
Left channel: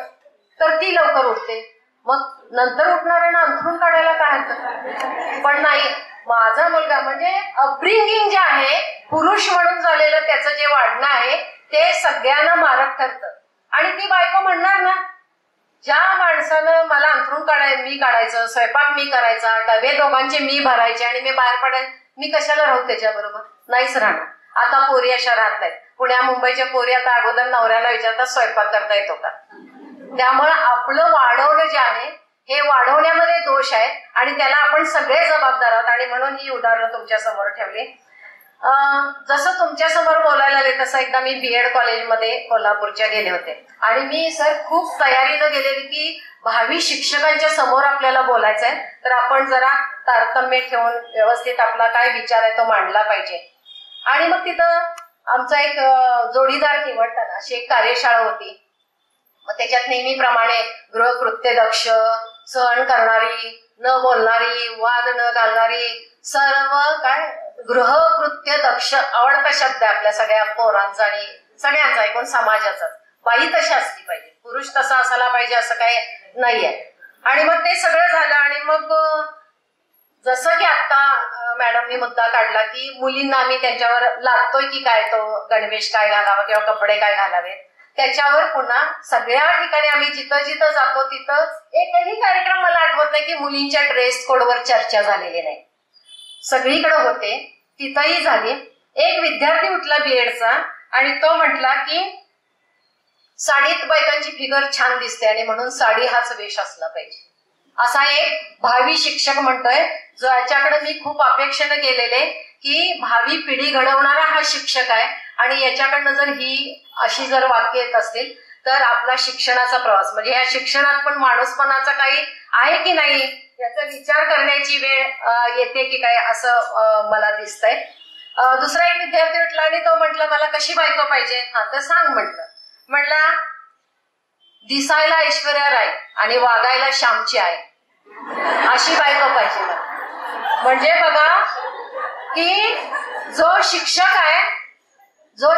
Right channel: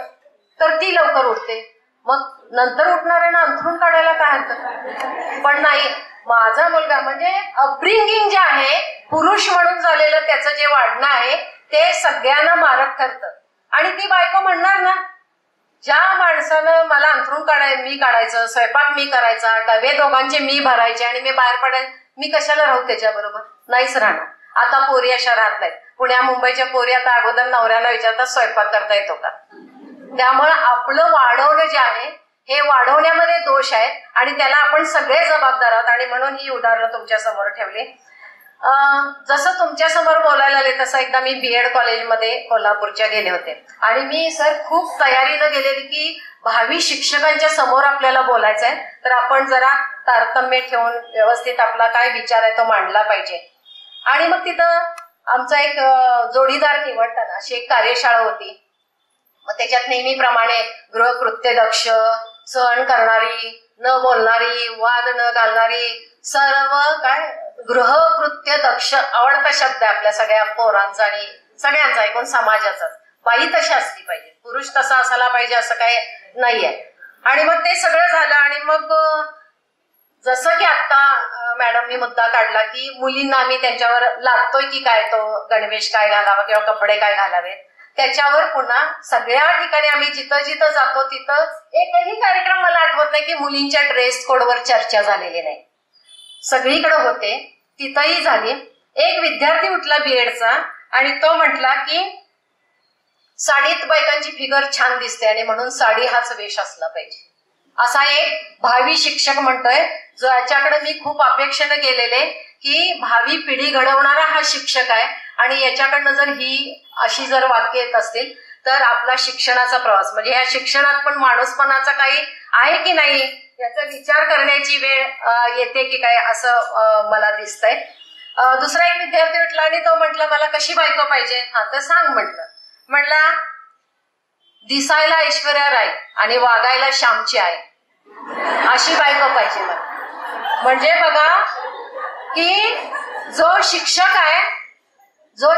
तर ती लवकर उठते, मग नंतर उठणार आहे ना अंथरूण काढायला काय हरकत. पण नाही, माझा मुलगा म्हणजे अपब्रिंगिंग जे आहे, पुरुष म्हणून झालेलं त्याचं जे वाढणं आहे ते सगळ्यांना मारक ठरतं. आणि ती बायको म्हणणार ना, ज्या माणसानं मला अंथरूण मी काढायचं, स्वयंपाक मी करायचा, डबे दोघांचे मी भरायचे आणि मी बाहेर पडायचे, मी कशाला राहू त्याच्याबरोबर, नाहीच राहणार. आता पोरी अशा राहत नाहीत. पुण्या मुंबईच्या पोरी आता अगोदर नवऱ्याला विचारतात स्वयंपाक करता येतो का. त्यामुळे आपलं वाढवणं जे आहे हे वाढवण्यामध्ये दोष आहे आणि त्याला आपण सगळे जबाबदार आहोत. आणि म्हणून ही उदाहरणं तुमच्या समोर ठेवली. जसं तुमच्या समोर बोलायला आले तसं एकदा मी बीएड कॉलेजमध्ये कोल्हापूरच्या गेले होते आणि मी सर खूप तयारीनं गेलेली की भावी शिक्षकांच्या समोर आपल्याला बोलायचंय, तर आपण जरा तारतम्य ठेवून व्यवस्थित आपला काय विचार आहे तो मांडला पाहिजे. आणि मग तिथं आमचा एक जोडीदार निवडताना अशी एक कार्यशाळा होती. मग त्याच्यात नेहमीप्रमाणे गृहकृत्य दक्ष, सहन करणारी, न बोलणारी, वाद न घालणारी, सर्व काय गृहकृत्य दक्ष आवडता शब्द आहे आपल्या सगळ्या पोरांचा आणि सगळ्यांचा, एकूण समाजाचा. बाई तशी असली पाहिजे, पुरुष तसा असायला पाहिजे असं काही नाहीये. आणि मग ते सगळं झालं आणि मग जसं की आता मॅडमनी मुद्दा काढला की मुलींना आम्ही त्यांच्यावर लागतोय की काय, तो गणवेश काय घालावा किंवा कपडे काय घालावेत, त्याच्यावर पुन्हा सगळ्या ठिकाणी आम्ही जिथं जिथं जातो तिथं एकही कार्यक्रम मला आठवत नाही की मुलींच्या ड्रेस कोडवर चर्चा झालेली नाही. सगळीकडे होते, तिथंही झाली. एक विद्यार्थी उठला बीएडचा आणि तो म्हटला की साडीत बायकांची फिगर छान दिसते आणि म्हणून साडी हाच वेश असला पाहिजे. असा एक भावी शिक्षक म्हणतोय, जो याच्याकडे मी खूप अपेक्षेनं गेलेले की भावी पिढी घडवणारा हा शिक्षक आहे आणि याच्याकडनं जर ही अशी जर वाक्य येत असतील तर आपला शिक्षणाचा प्रवास म्हणजे या शिक्षणात पण माणूसपणाचा काही आहे की नाही याचा विचार करण्याची वेळ येते की काय असं मला दिसतंय. दुसरा एक विद्यार्थी उठला आणि तो म्हटला मला कशी बायको पाहिजे, हा तर सांग म्हटलं. म्हटला दिसायला ऐश्वर्या राय आणि वागायला श्यामची आहे अशी बायको पाहिजे मला. म्हणजे बघा की जो शिक्षक आहे, जो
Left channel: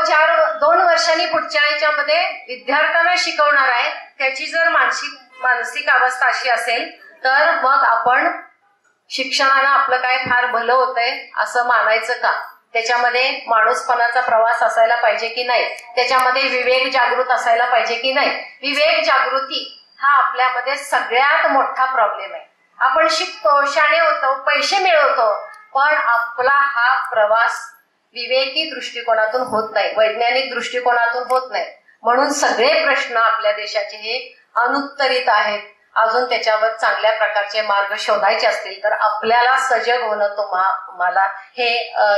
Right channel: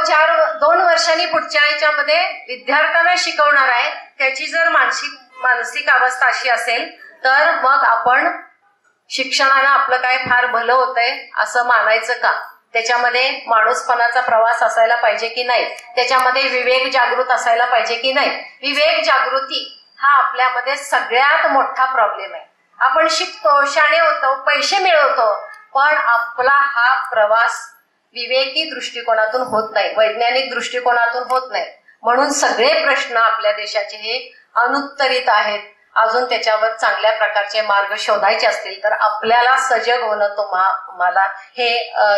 2 वर्षांनी पुढच्या याच्यामध्ये विद्यार्थ्यांना शिकवणार आहे, त्याची जर मानसिक अवस्था अशी असेल तर मग आपण शिक्षणानं आपलं काय फार भलं होतंय असं मानायचं का. त्याच्यामध्ये माणूसपणाचा प्रवास असायला पाहिजे की नाही, त्याच्यामध्ये विवेक जागृत असायला पाहिजे की नाही. विवेक जागृती हा आपल्यामध्ये सगळ्यात मोठा प्रॉब्लेम आहे. आपण शिकतो, शाणे होतो, पैसे मिळवतो, पण आपला हा प्रवास विवेकी दृष्टिकोनातून होत नाही, वैज्ञानिक दृष्टिकोनातून होत नाही. म्हणून सगळे प्रश्न आपल्या देशाचे हे अनुत्तरित आहेत. अजून त्याच्यावर चांगल्या प्रकारचे मार्ग शोधायचे असतील तर आपल्याला सजग होणं मला हे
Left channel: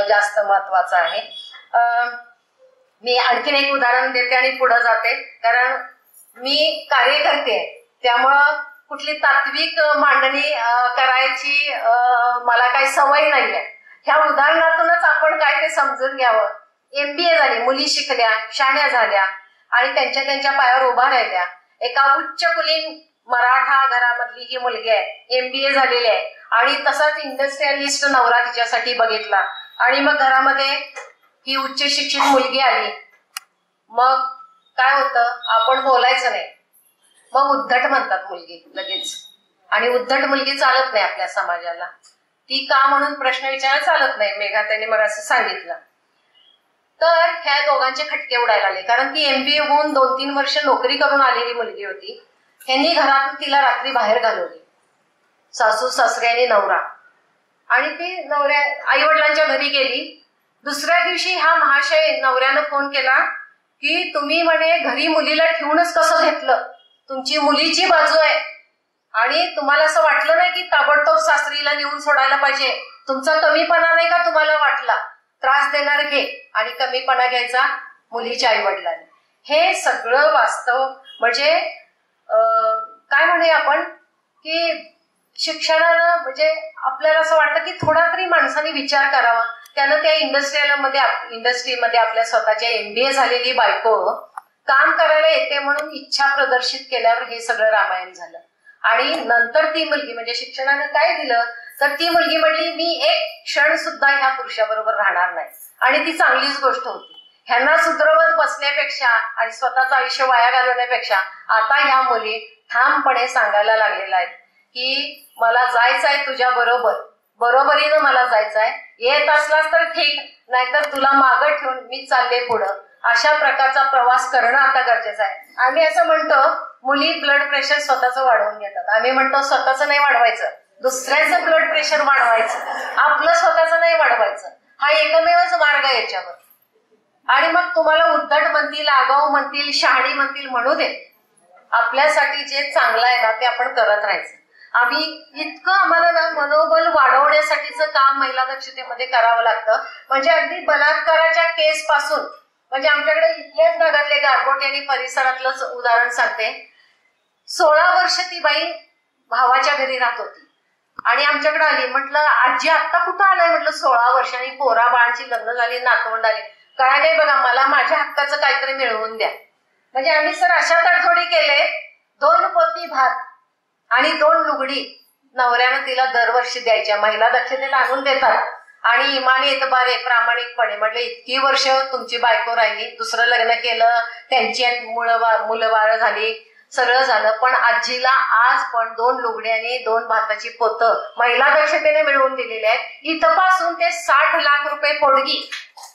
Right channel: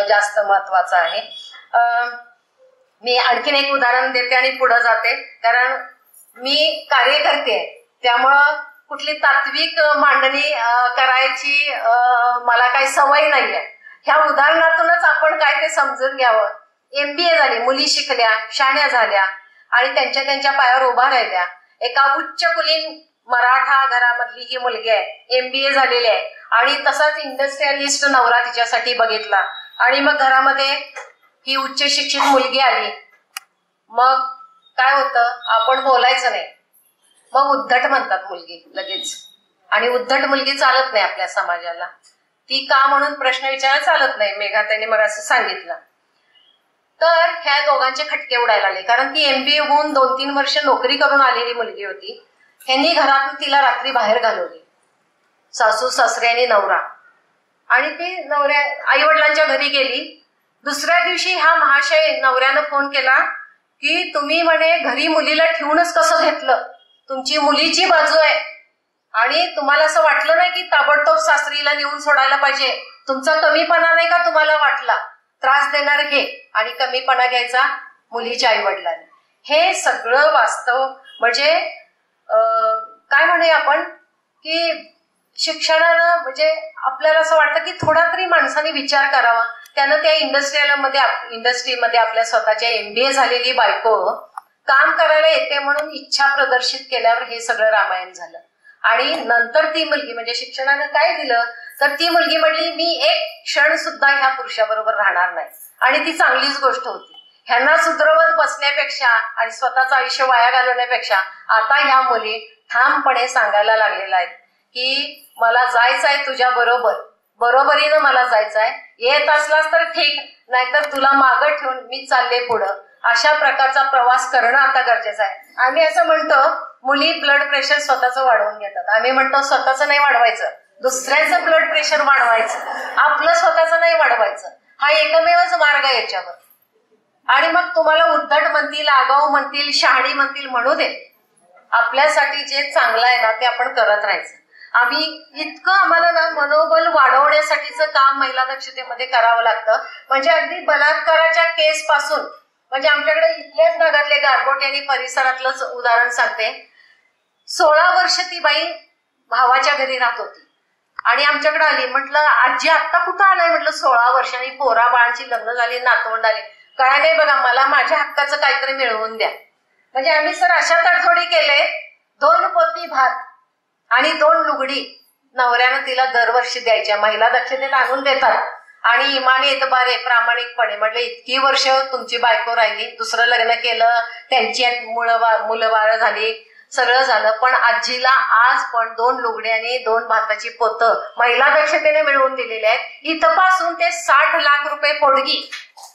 जास्त महत्वाचं आहे. मी आणखीन एक उदाहरण देते आणि पुढे जाते, कारण मी कार्यकर्ते त्यामुळं कुठली तात्विक मांडणी करायची मला काही सवय नाहीये. ह्या उदाहरणातूनच आपण काय ते समजून घ्यावं. MBA झाली, मुली शिकल्या, शाण्या झाल्या आणि त्यांच्या पायावर उभा राहिल्या. एका उच्च कुलीन मराठा घरामधली ही मुलगी आहे, MBA झालेली आहे आणि तसाच इंडस्ट्रियलिस्ट नवरा तिच्यासाठी बघितला आणि मग घरामध्ये ही उच्च शिक्षित मुलगी आली. मग काय होतं, आपण बोलायचं नाही, मग उद्धट म्हणतात मुलगी लगेच. आणि उद्धट मुलगी चालत नाही आपल्या समाजाला. ती का म्हणून प्रश्न विचारायला चालत नाही. मेघाताईने मग असं सांगितलं. तर ह्या दोघांचे खटके उडायला आले, कारण ती MBA होऊन 2-3 वर्ष नोकरी करून आलेली मुलगी होती. ह्यांनी घरातून तिला रात्री बाहेर घालवली, सासू सासरे आणि नवरा. आणि ती नवऱ्या आई वडिलांच्या घरी गेली. दुसऱ्या दिवशी हा महाशय नवऱ्यानं फोन केला की तुम्ही म्हणे घरी मुलीला ठेवूनच कसं घेतलं, तुमची मुलीची बाजू आहे आणि तुम्हाला असं वाटलं नाही की ताबडतोब सासरीला नेऊन सोडायला पाहिजे, तुमचा कमीपणा नाही का तुम्हाला वाटला, त्रास देणार घे. आणि कमीपणा घ्यायचा मुलीच्या आई वडिलांनी. हे सगळं वास्तव म्हणजे काय म्हणूया आपण की शिक्षणानं म्हणजे आपल्याला असं वाटतं की थोडा तरी माणसाने विचार करावा. त्यानं त्या इंडस्ट्रीमध्ये आपल्या स्वतःच्या MBA झालेली बायको काम करायला येते म्हणून इच्छा प्रदर्शित केल्यावर हे सगळं रामायण झालं. आणि नंतर ती मुलगी म्हणजे शिक्षणानं काय दिलं तर ती मुलगी म्हणली मी एक क्षण सुद्धा ह्या पुरुषाबरोबर राहणार नाही. आणि ती चांगलीच गोष्ट होती. ह्यांना सुधरवत बसण्यापेक्षा आणि स्वतःचं आयुष्य वाया घालवण्यापेक्षा आता ह्या मुली ठामपणे सांगायला लागलेल्या आहेत की मला जायचंय तुझ्या बरोबरीनं मला जायचंय, येत असलास तर ठीक, नाहीतर तुला मागं ठेवून मी चालले पुढं. अशा प्रकारचा प्रवास करणं आता गरजेचं आहे. आम्ही असं म्हणतो मुली ब्लड प्रेशर स्वतःचं वाढवून घेतात. आम्ही म्हणतो स्वतःचं नाही वाढवायचं, दुसऱ्याचं ब्लड प्रेशर वाढवायचं, आपलं स्वतःचं नाही वाढवायचं. हा एकमेवच मार्ग आहे याच्यावर. आणि मग तुम्हाला उद्धट म्हणतील, आगाऊ म्हणतील, शहाणी म्हणतील, म्हणू दे. आपल्यासाठी जे चांगलं आहे ना ते आपण करत राहायचं. आम्ही इतकं आम्हाला ना मनोबल वाढवण्यासाठीचं काम महिला दक्षतेमध्ये करावं लागतं. म्हणजे अगदी बलात्काराच्या केस पासून म्हणजे आमच्याकडे इथल्याच भागातले गारगोटी आणि परिसरातलंच उदाहरण सांगते. 16 वर्ष ती बाई भावाच्या घरी राहत होती आणि आमच्याकडे आली. म्हटलं आजी आत्ता कुठं आलाय, म्हटलं 16 वर्षांनी पोरा बाळांची लग्न झाली, नातवंड आली, काय नाही बघा मला माझ्या हक्काचं काहीतरी मिळवून द्या. म्हणजे आम्ही सर अशा तडजोडी केले, 2 पोती भात आणि 2 लुगडी नवऱ्यानं तिला दरवर्षी द्यायच्या. महिला दक्षतेत आणून देतात आणि इमानी एतबारे प्रामाणिकपणे. म्हटलं इतकी वर्ष तुमची बायको राहिली, दुसरं लग्न केलं, त्यांची मुलं बाळ झाली, सगळं झालं, पण आजीला आज पण 2 लुगडी आणि 2 भाताची पोतं महिला दक्षतेने मिळवून दिलेली आहेत. इथपासून ते 60 लाख रुपये पोटगी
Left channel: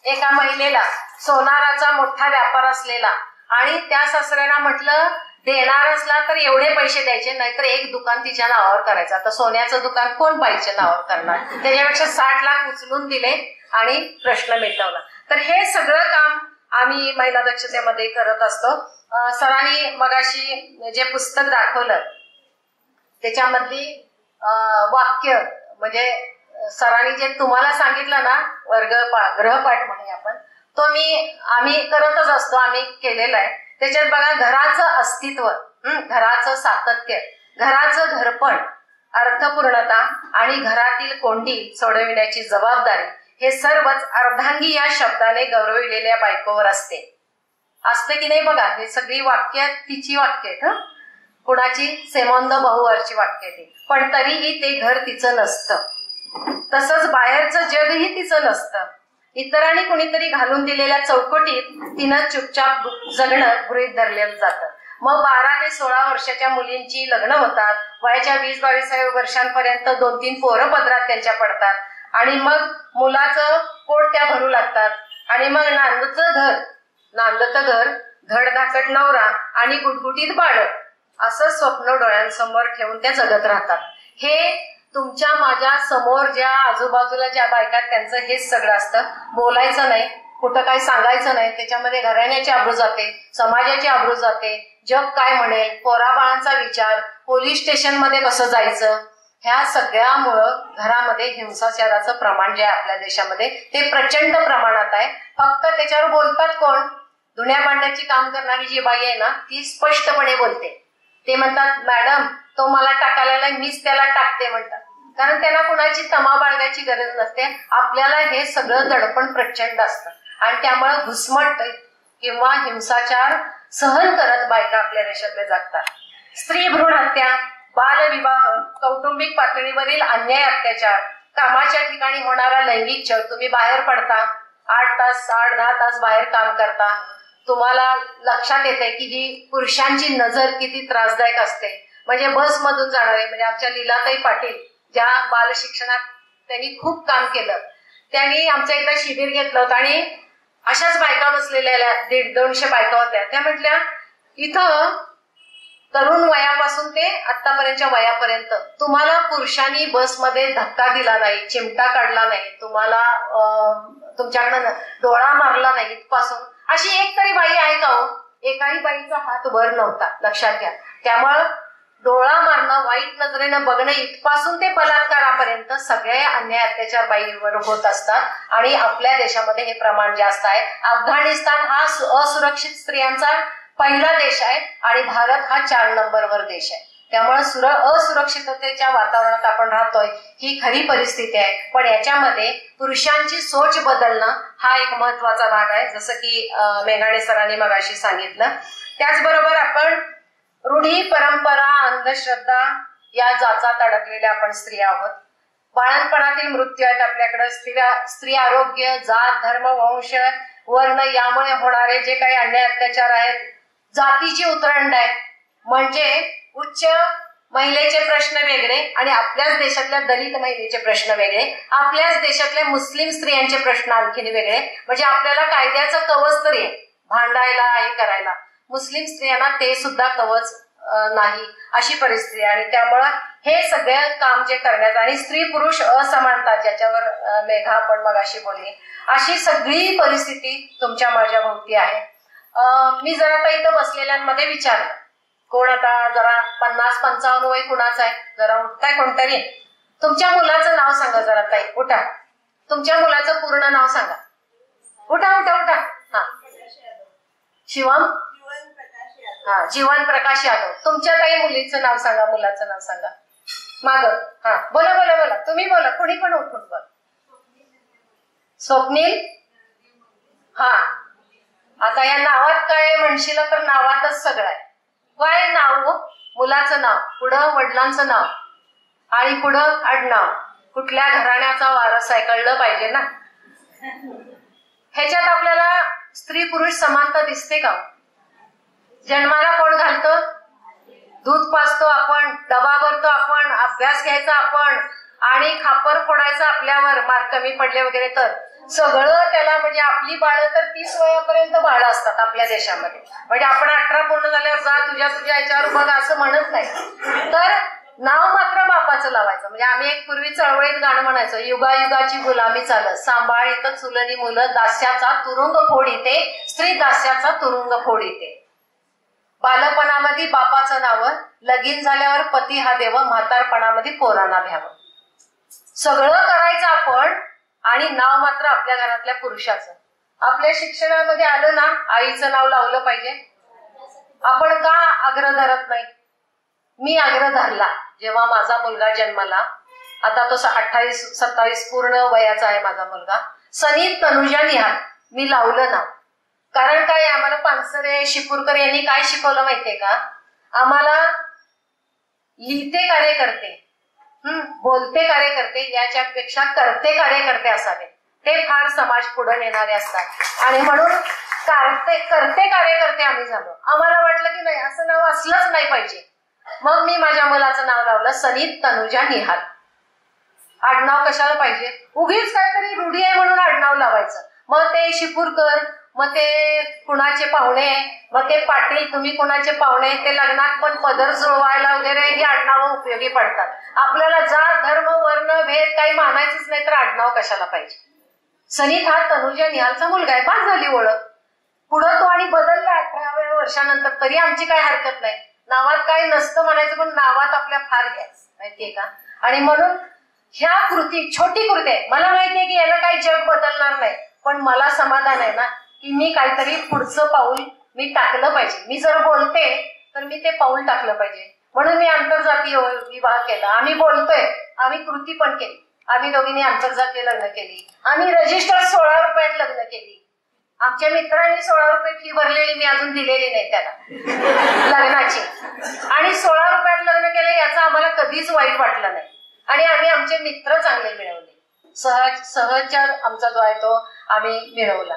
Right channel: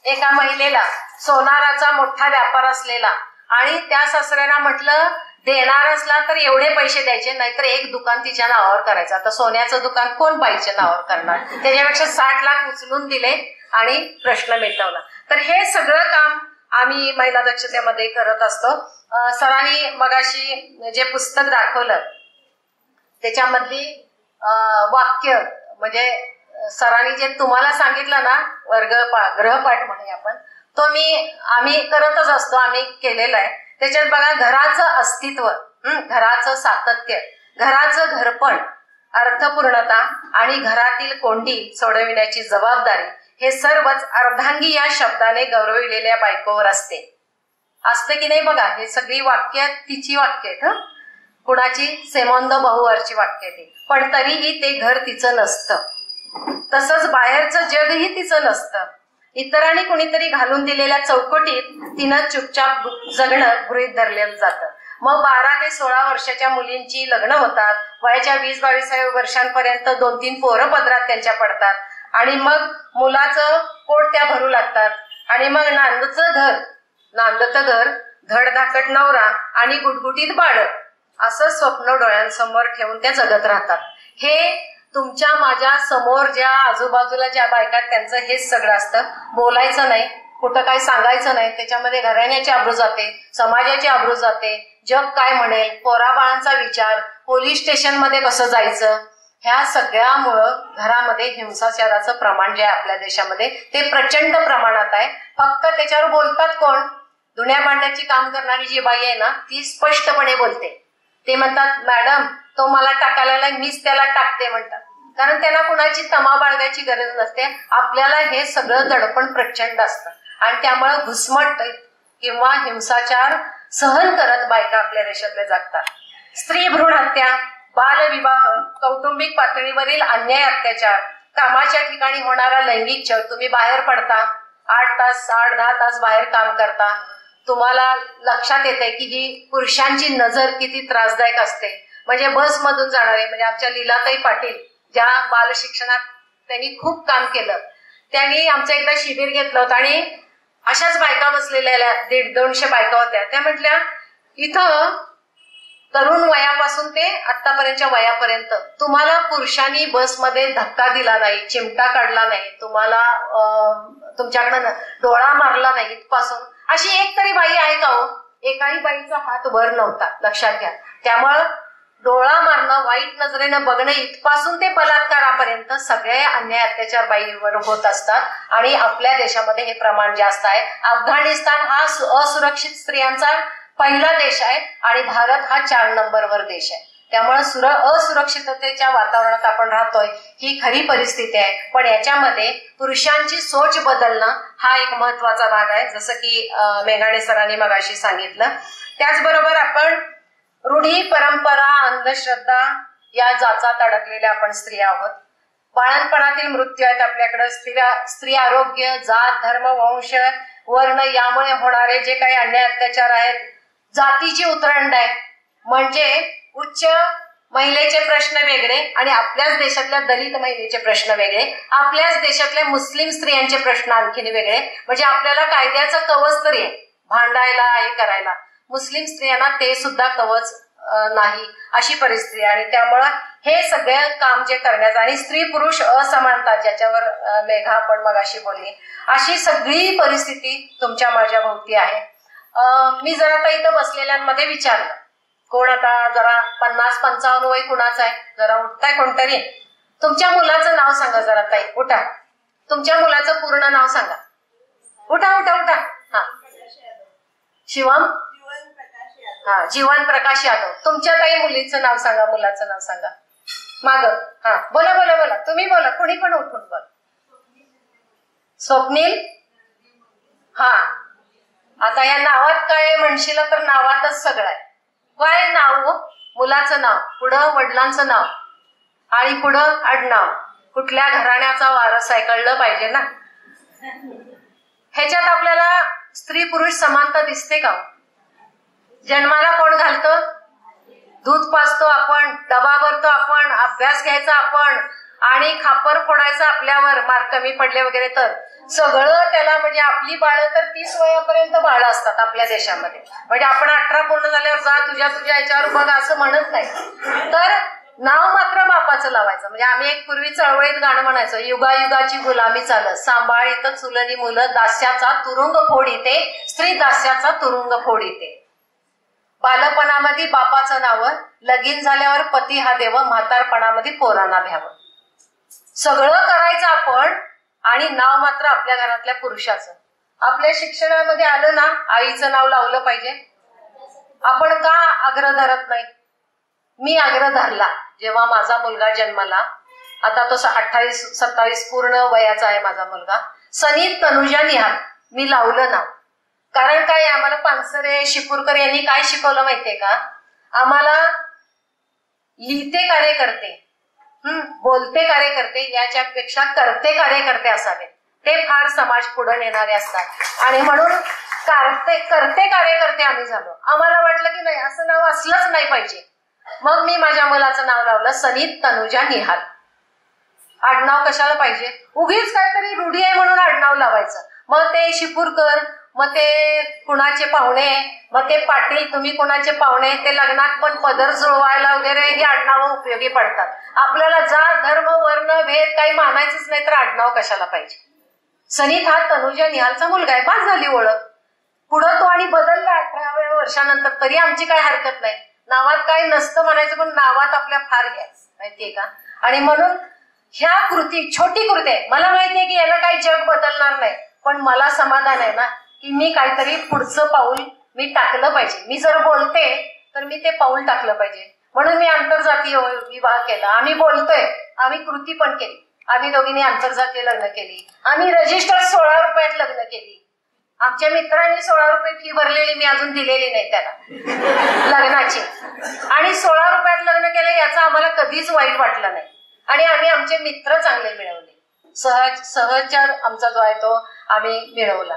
एका महिलेला, सोनाराचा मोठा व्यापार असलेला. आणि त्या सासऱ्यांना म्हटलं देणार असला तर एवढे पैसे द्यायचे, नाहीतर एक दुकान तिच्या नावावर करायचं. आता सोन्याचं दुकान कोण बाईच्या नावावर करणार, त्याच्यापेक्षा 60 लाख उचलून दिले आणि प्रश्न मिटवला. तर हे सगळं काम आम्ही महिला दक्षतेमध्ये करत असतो. सरांनी मगाशी जे पुस्तक दाखवलं त्याच्यामधली वाक्य म्हणजे सरांनी जे तुम्हाला सांगितलं ना ग्रहपाठ म्हणून आपण तो आम्ही करतच असतो, आम्ही केलेला आहे. त्याच्यात बघा घराचं अस्तित्व, घराचं सातत्य, घराचं घरपण, अर्थपूर्णता आणि घरातील कोंडी सोडविण्याची जबाबदारी हे सर्वच अर्धांगी या शब्दाने गौरविलेल्या बायकोवर असते की नाही बघा. हे सगळी वाक्य तिची वाक्य आहेत. कुणाची, सेमोंद बहुवरची वाक्य ती. पण तरीही ते घर तिचं नसतं, तसंच बाहेरचं जगही तिचं नसतं. इतरांनी कुणीतरी घालून दिलेल्या चौकटीत तिनं चुपचाप जगणं गृहीत धरलं जातं. मग 12 ते 16 वर्षाच्या मुलींची लग्न होतात. वयाच्या 20-22 वर्षांपर्यंत 2-3 पोरं पदरात त्यांच्या पडतात आणि मग मुलाचं पोट त्या भरू लागतात. आणि मग नांदतं घर, धडधाकट नवरा आणि गुटगुटीत बाळ असं स्वप्न डोळ्यांसमोर ठेवून त्या जगत राहतात. हे तुमच्या माझ्या समोर ज्या आजूबाजूला ज्या बायका त्यांचं हेच सगळं असतं. बोलायचं नाही, कुठं काय सांगायचं नाही. त्याच्यामध्ये घराण्याची आबरू जाते, समाजाची आबरू जाते, जग काय म्हणेल, पोराबाळांचा विचार, पोलीस स्टेशनमध्ये कसं जायचं, ह्या सगळ्यामुळं घरामध्ये हिंसाचाराचं प्रमाण जे आहे आपल्या देशामध्ये ते प्रचंड प्रमाणात आहे. फक्त त्याच्यावर बोलतात कोण? धुण्या भांड्याची काम करणारी जी बाई आहे ना ती स्पष्टपणे बोलते. ते म्हणतात मॅडम तो मला टाकायला नाही, मीच त्याला टाकते म्हणतात. कारण त्यांना कुणाची तमा बाळगायची गरज नसते. आपल्याला हे सगळं दडपण प्रचंड असतं आणि त्यामुळे घुसमट किंवा हिंसाचार सहन करत बायका आपल्या देशातल्या जगतात. स्त्री भ्रूण हत्या, बालविवाह, कौटुंबिक पातळीवरील अन्याय अत्याचार, कामाच्या ठिकाणी होणारा लैंगिक छळ. तुम्ही बाहेर पडता, 8 तास 8-10 तास बाहेर काम करता, तुम्हाला लक्षात येते की ही पुरुषांची नजर किती त्रासदायक असते. म्हणजे बसमधून जाणारे, म्हणजे आमच्या लीलाताई पाटील ज्या बालशिक्षणात त्यांनी खूप काम केलं, त्यांनी आमचं एकदा शिबिर घेतलं होतं आणि अशाच बायका बसलेल्या 150-200 बायका होत्या. त्या म्हटल्या इथं तरुण वयापासून ते आतापर्यंतच्या वयापर्यंत तुम्हाला पुरुषांनी बसमध्ये धक्का दिला नाही, चिमटा काढला नाही, तुम्हाला तुमच्याकडनं डोळा मारला नाही इथपासून अशी एक तरी बाई आहे का हो? एकाही बाईचा हात वर नव्हता, लक्षात घ्या. त्यामुळं डोळा मारणं, वाईट नजरेनं बघणं इथपासून ते बलात्कारापर्यंत सगळे अन्याय अत्याचार बाईवर होत असतात आणि आपल्या देशामध्ये हे प्रमाण जास्त आहे. अफगाणिस्तान हा असुरक्षित स्त्रियांचा पहिला देश आहे आणि भारत हा 4 नंबरवर देश आहे. त्यामुळे असुरक्षिततेच्या वातावरणात आपण राहतोय ही खरी परिस्थिती आहे. पण याच्यामध्ये पुरुषांची सोच बदलणं हा एक महत्वाचा भाग आहे, जसं की मेघाणे सरांनी मगाशी सांगितलं. त्याचबरोबर आपण रूढी, परंपरा, अंधश्रद्धा या जाचात अडकलेल्या आपण स्त्रिया आहोत. बाळणपणातील मृत्यू आहेत आपल्याकडे. स्त्री आरोग्य, जात, धर्म, वंश, वर्ण यामुळे होणारे जे काही अन्याय अत्याचार आहेत, जातीची उतरंड आहे. म्हणजे उच्च महिलेचे प्रश्न वेगळे आणि आपल्याच देशातल्या दलित महिलेचे प्रश्न वेगळे, आपल्याच देशातल्या मुस्लिम स्त्रियांचे प्रश्न आणखीन वेगळे. म्हणजे आपल्याला कायद्याचं कवच तरी आहे भांडायला, हे करायला, मुस्लिम स्त्रियांना ते सुद्धा कवच नाही अशी परिस्थिती आहे. आणि त्यामुळं हे सगळं काम जे करण्याचं आणि स्त्री पुरुष असमानता ज्याच्यावर मेघा आपण मगाशी बोलली, अशी सगळी परिस्थिती तुमच्या माझ्या भोवती आहे. मी जरा आता इथं बसलेल्यांमध्ये विचारलं, कोण आता जरा 50-55 वय कुणाचं आहे? जरा उठताय कोणतरी? तुमच्या मुलाचं नाव सांगा जरा ताई, उठा. तुमच्या मुलाचं पूर्ण नाव सांगा. उठा उठा उठा. हा, शिवम, हा, जीवन प्रकाश यादव. तुमच्या ताई मुलीचं नाव सांगा, मुलाचं नाव सांगा. माग, हा, बोला बोला बोला, तुम्ही बोला, कुणी पण उठून बोला. स्वप्नील. हा, आता या नावात काय म्हणशील तर नावातच सगळं आहे. काय नाव? मुलाचं नाव, पुढं वडिलांचं नाव आणि पुढं आडनाव. कुठल्या घराण्याचा वारस आहे कळलं पाहिजे ना. ह्याच्यात आपल्याला स्त्री पुरुष समानता दिसते का? जन्माला कोण घालतं? दूध पाजतो आपण, डबा भरतो आपण, अभ्यास घ्यायचा आपण आणि खापर फोडायचं आपल्यावर मार्क कमी पडले वगैरे तर सगळं त्याला. म्हणजे आपली बाळं तर 30 वयापर्यंत बाळं असतात आपल्या देशामध्ये. म्हणजे आपण 18 पूर्ण झाल्यावर जा तुझ्या याच्यावर बघ असं म्हणत नाही, तर नाव मात्र बापाचं लावायचं. म्हणजे आम्ही एक पूर्वी चळवळीत गाणं म्हणायचो, युगायुगाची गुलामी चालत, सांभाळीत चुलनी मुलं, दास्याचा तुरुंग फोडीते, स्त्री दास्याचा तुरुंग फोडीते. बालपणामध्ये बापाचं नाव, लगीन झाल्यावर पती हा देव, म्हातारपणामध्ये पोरांना भ्यावं. सगळं करायचं आपण आणि नाव मात्र आपल्या घरातल्या पुरुषाचं. आपल्या शिक्षणामध्ये आलं ना, आईचं नाव लावलं पाहिजे. आपण का आग्रह धरत नाही? मी आग्रह धरला जेव्हा माझा मुलगा जन्माला. आता तो 28-27 पूर्ण वयाचा आहे माझा मुलगा. सनीत तनुजा निहाल मी लावलं नाव. कारण काय, आम्हाला पानसरे शिपूरकर यांनी काय शिकवलं माहितीये का? आम्हाला लिहिते कार्यकर्ते, बोलते कार्यकर्ते याच्यापेक्षा करते कार्यकर्ते असावे. ते फार समाज पुढे नेणारे असतात आणि म्हणून करते कार्यकर्ते आम्ही झालो. आम्हाला वाटलं की नाही, असं नाव असलंच नाही पाहिजे. मग मी माझ्या मुलाचं नाव लावलं सनीत तनुजा निहाल. आडनाव कशाला पाहिजे? उगीच काहीतरी रूढी आहे म्हणून आडनाव लावायचं. मग ते शिपूरकर, मग ते कुणाचे पाहुणे, मग ते पाटील तुम्ही कुणाचे पाहुणे, ते लग्नात पण पदर जुळवायला वगैरे ही आडनावं उपयोगी पडतात. आपल्याला जात धर्म वर्ण भेद काही मानायचंच नाही तर आडनाव कशाला पाहिजे. सनीत हा तनुजा निहालचा मुलगा आहे, बास झाली ओळख. पुढं तो आणि बदलला 18व्या वर्षानंतर तरी आमची काही हरकत नाही. नावात काही नसतं म्हणायचं पण नावात आपल्या फार घ्यायचं, माहितीये का. आणि म्हणून ह्या कृती छोटी कृती आहे. मला माहितीये की याला काही जग बदलणार नाही, पण मला समाधान आहे ना की मी काहीतरी पुढचं पाऊल मी टाकलं पाहिजे. मी जर बोलते तर मी ते पाऊल टाकलं पाहिजे. म्हणून मी आंतरजातीय विवाह केला. आम्ही बोलतोय, आम्ही कृती पण केली. आम्ही दोघींनी आंतरजातीय लग्न केली. आम्ही रजिस्टर 16 रुपयात लग्न केली. आमच्या मित्रांनी 16 रुपये फी भरलेली, मी अजून दिलेली नाही त्याला लग्नाची. आणि 16 रुपयात लग्न केलं याचं आम्हाला कधीच वाईट वाटलं नाही. आणि आम्ही आमचे मित्र चांगले मिळवले. सहचार आमचा जो आहे तो आम्ही मिळवला.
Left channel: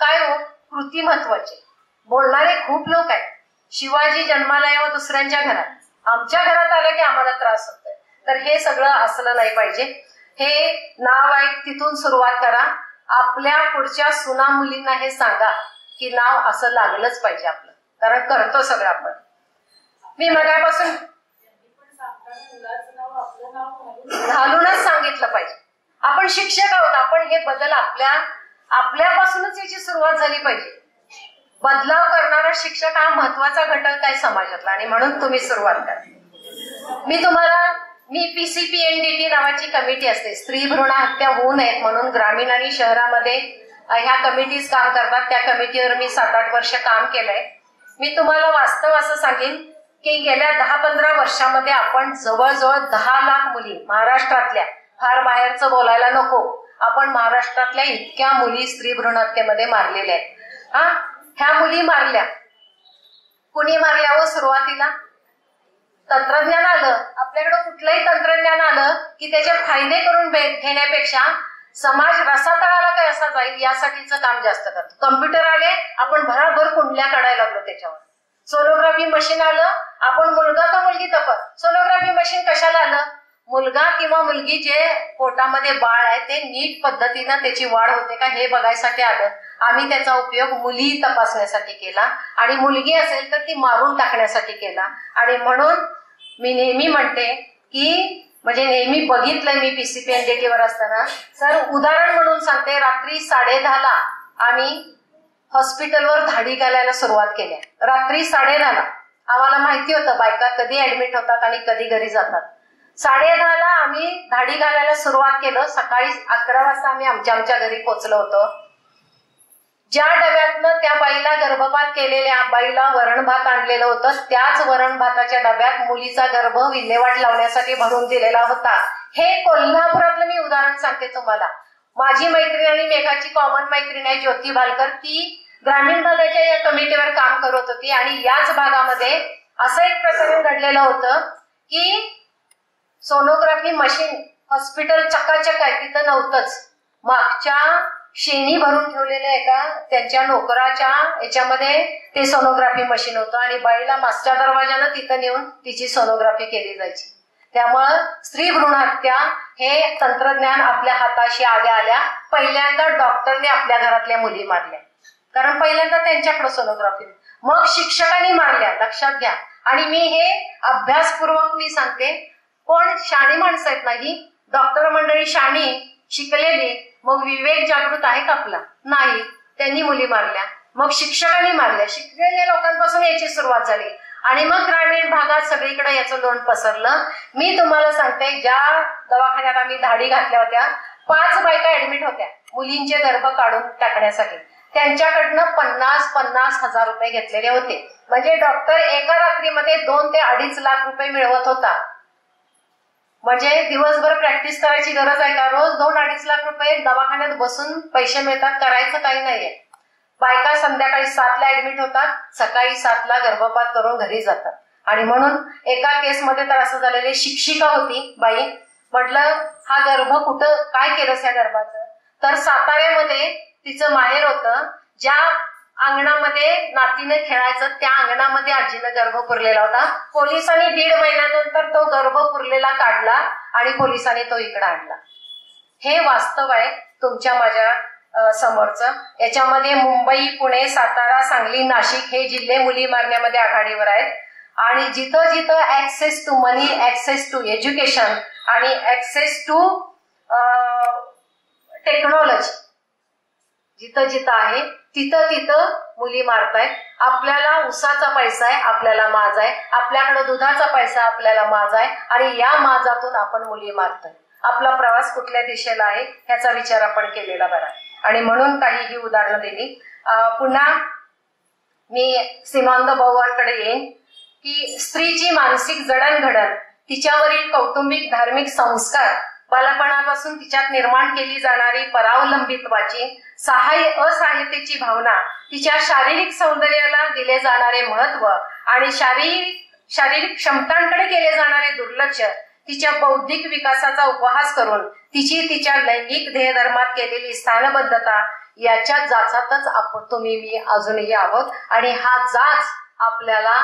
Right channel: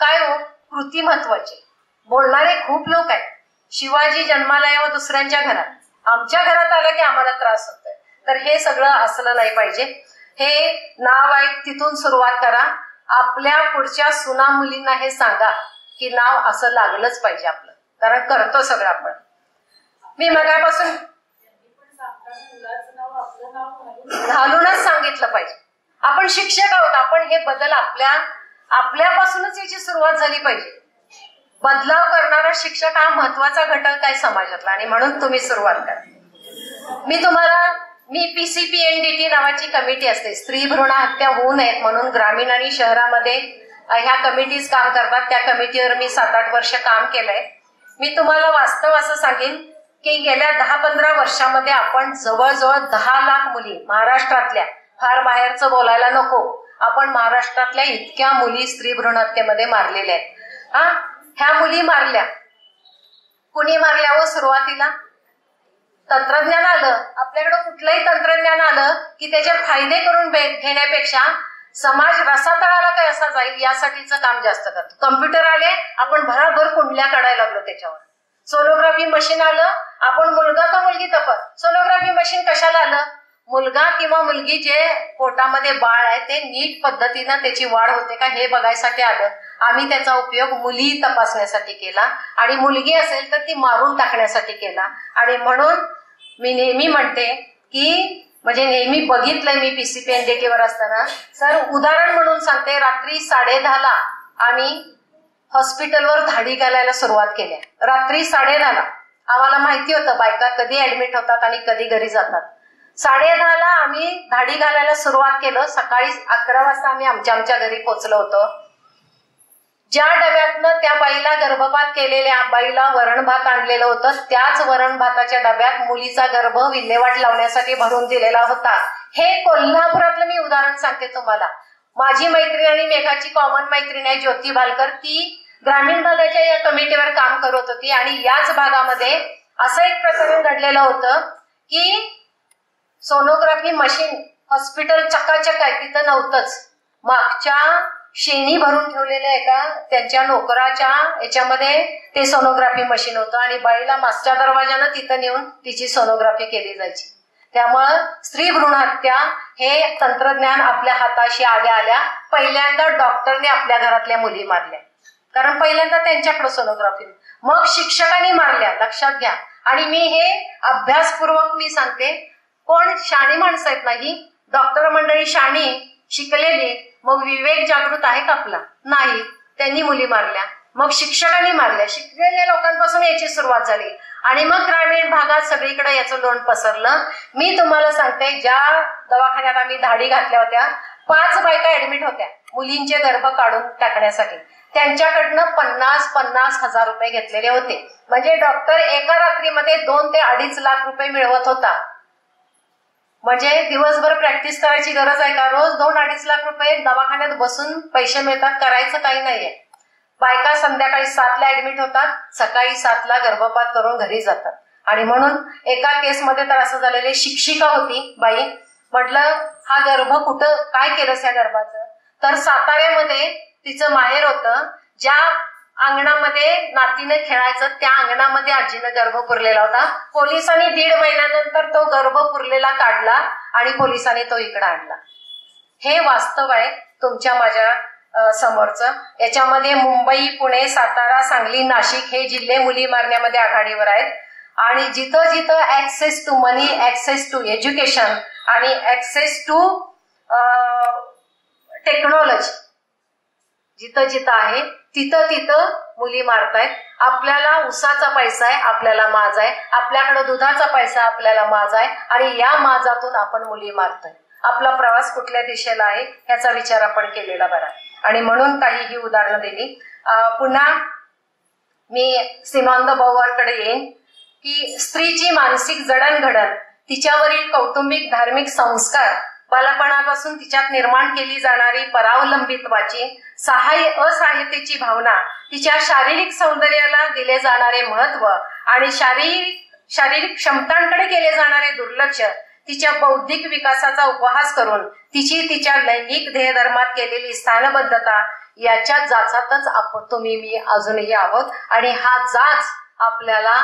काय हो, कृती महत्वाची. बोलणारे खूप लोक आहेत. शिवाजी जन्माला यावं दुसऱ्यांच्या घरात, आमच्या घरात आलं की आम्हाला त्रास होतोय. तर हे सगळं असलं नाही पाहिजे. हे नाव आहे तिथून सुरुवात करा. आपल्या पुढच्या सुना मुलींना हे सांगा की नाव असं लागलंच पाहिजे आपलं, कारण करतो सगळं आपण. मी मगापासून घालूनच सांगितलं पाहिजे. आपण शिक्षक आहोत, आपण हे बदल आपल्यापासूनच याची सुरुवात झाली पाहिजे. बदलाव करणारा शिक्षक हा महत्वाचा घटक आहे समाजातला, आणि म्हणून तुम्ही सुरुवात करा. मी PCPNDT नावाची कमिटी असते, स्त्री भ्रूण हत्या होऊ नयेत म्हणून ग्रामीण आणि शहरामध्ये ह्या कमिटीज काम करतात. त्या कमिटीवर मी 7-8 वर्ष काम केलंय. मी तुम्हाला वास्तव असं सांगेन की गेल्या 10-15 वर्षामध्ये आपण जवळजवळ 10 लाख मुली महाराष्ट्रातल्या, फार बाहेरचं बोलायला नको, आपण महाराष्ट्रातल्या इतक्या मुली स्त्री भ्रूण हत्येमध्ये मारलेल्या आहेत. ह्या मुली मारल्या. कुणी मारल्या हो? सुरुवातीला तंत्रज्ञान आलं. आपल्याकडे कुठलंही तंत्रज्ञान आलं की त्याचे फायदे करून घेण्यापेक्षा समाज रसातळाला काय असा जाईल यासाठीचं काम जास्त करतो. कम्प्युटर आले, आपण भराभर कुंडल्या काढायला लागलो त्याच्यावर. सोनोग्राफी मशीन आलं, आपण मुलगा का मुलगी तपास. सोनोग्राफी मशीन कशाला आलं? मुलगा किंवा मुलगी जे पोटामध्ये बाळ आहे ते नीट पद्धतीनं त्याची वाढ होते का हे बघायसाठी आलं. आम्ही त्याचा उपयोग मुली तपासण्यासाठी केला, आणि मुलगी असेल तर ती मारून टाकण्यासाठी केला. आणि म्हणून मी नेहमी म्हणते की, म्हणजे नेहमी बघितलंय मी PCPNDT वर असताना, सर उदाहरण म्हणून सांगते, रात्री 10:30ला आम्ही हॉस्पिटलवर धाडी घालायला सुरुवात केल्या. रात्री 10:30ला आम्हाला माहिती होतं बायका कधी ऍडमिट होतात आणि कधी घरी जातात. 10:30ला आम्ही धाडी घालायला सुरुवात केलं. सकाळी 11 वाजता आम्ही आमच्या घरी पोहोचलो होतो. ज्या डब्यातनं त्या बाईला गर्भपात केलेल्या बाईला वरण भात आणलेलं होतं, त्याच वरण भाताच्या डब्यात मुलीचा गर्भ विल्हेवाट लावण्यासाठी भरून दिलेला होता. हे कोल्हापुरातलं मी उदाहरण सांगते तुम्हाला. माझी मैत्रीण आणि मेघाची कॉमन मैत्रीण आहे ज्योती भालकर, ती ग्रामीण भागाच्या या कमिटीवर काम करत होती. आणि याच भागामध्ये असं एक प्रकरण घडलेलं होतं की सोनोग्राफी मशीन हॉस्पिटल चकाचक आहे, तिथं नव्हतंच. मागच्या शेणी भरून ठेवलेल्या एका त्यांच्या नोकराच्या याच्यामध्ये ते सोनोग्राफी मशीन होतं, आणि बाईला मागच्या दरवाजानं तिथं नेऊन तिची सोनोग्राफी केली जायची. त्यामुळं स्त्री भ्रूण हत्या हे तंत्रज्ञान आपल्या हाताशी आल्या पहिल्यांदा डॉक्टरने आपल्या घरातल्या मुली मारल्या, कारण पहिल्यांदा त्यांच्याकडे सोनोग्राफी, मग शिक्षकांनी मारल्या. लक्षात घ्या. आणि मी हे अभ्यासपूर्वक मी सांगते. कोण शाणी माणसं आहेत नाही, डॉक्टर मंडळी शाणी शिकलेली, मग विवेक जागृत आहे का आपला? नाही. त्यांनी मुली मारल्या, मग शिक्षकांनी मारल्या. शिकलेल्या लोकांपासून याची सुरुवात झाली, आणि मग ग्रामीण भागात सगळीकडे याचं लोण पसरलं. मी तुम्हाला सांगते, ज्या दवाखान्यात आम्ही धाडी घातल्या होत्या 5 बायका ऍडमिट होत्या मुलींचे गर्भ काढून टाकण्यासाठी. त्यांच्याकडनं 50-50 हजार रुपये घेतलेले होते. म्हणजे डॉक्टर एका रात्रीमध्ये 2 ते 2.5 लाख रुपये मिळवत होता. म्हणजे दिवसभर प्रॅक्टिस करायची गरज आहे का? रोज 2-2.5 लाख रुपये दवाखान्यात बसून पैसे मिळतात, करायचं काही नाहीये. बायका संध्याकाळी 7ला ऍडमिट होतात, सकाळी 7ला गर्भपात करून घरी जातात. आणि म्हणून एका केसमध्ये तर असं झालेले, शिक्षिका होती बाई, म्हटलं हा गर्भ कुठं काय केलंस या गर्भाचं? तर साताऱ्यामध्ये तिचं माहेर होतं. ज्या अंगणामध्ये नातीने खेळायचं त्या अंगणामध्ये आजीनं गर्भ पुरलेला होता. पोलिसांनी 1.5 महिन्यानंतर तो गर्भ पुरलेला काढला आणि पोलिसांनी तो इकडे आणला. हे वास्तव आहे तुमच्या माझ्या समोरचं. याच्यामध्ये मुंबई, पुणे, सातारा, सांगली, नाशिक हे जिल्हे मुली मारण्यामध्ये आघाडीवर आहेत. आणि जिथं जिथं access to money, access to education आणि ऍक्सेस टू टेक्नॉलॉजी जिथं जिथं आहे तिथं तिथं मुली मारतायत. आपल्याला उसाचा पैसा आहे, आपल्याला माज आहे. आपल्याकडे दुधाचा पैसा, आपल्याला माज आहे. आणि या माजातून आपण मुली मारतोय. आपला प्रवास कुठल्या दिशेला आहे ह्याचा विचार आपण केलेला बरा. आणि म्हणून काही ही उदाहरणं दिली. पुन्हा मी सीमांत भाऊकडे येईन की स्त्रीची मानसिक जडणघडण, तिच्यावरील कौटुंबिक धार्मिक संस्कार, बालपणापासून तिच्यात निर्माण केली जाणारी परावलंबित्वाची असहाय्यतेची भावना, तिच्या शारीरिक सौंदर्याला दिले जाणारे महत्व आणि शारीरिक क्षमतांकडे केले जाणारे दुर्लक्ष, तिच्या बौद्धिक विकासाचा उपहास करून तिच्या लैंगिक ध्येयधर्मात केलेली स्थानबद्धता, याच्या जाचातच तुम्ही मी अजूनही आहोत. आणि हा जाच आपल्याला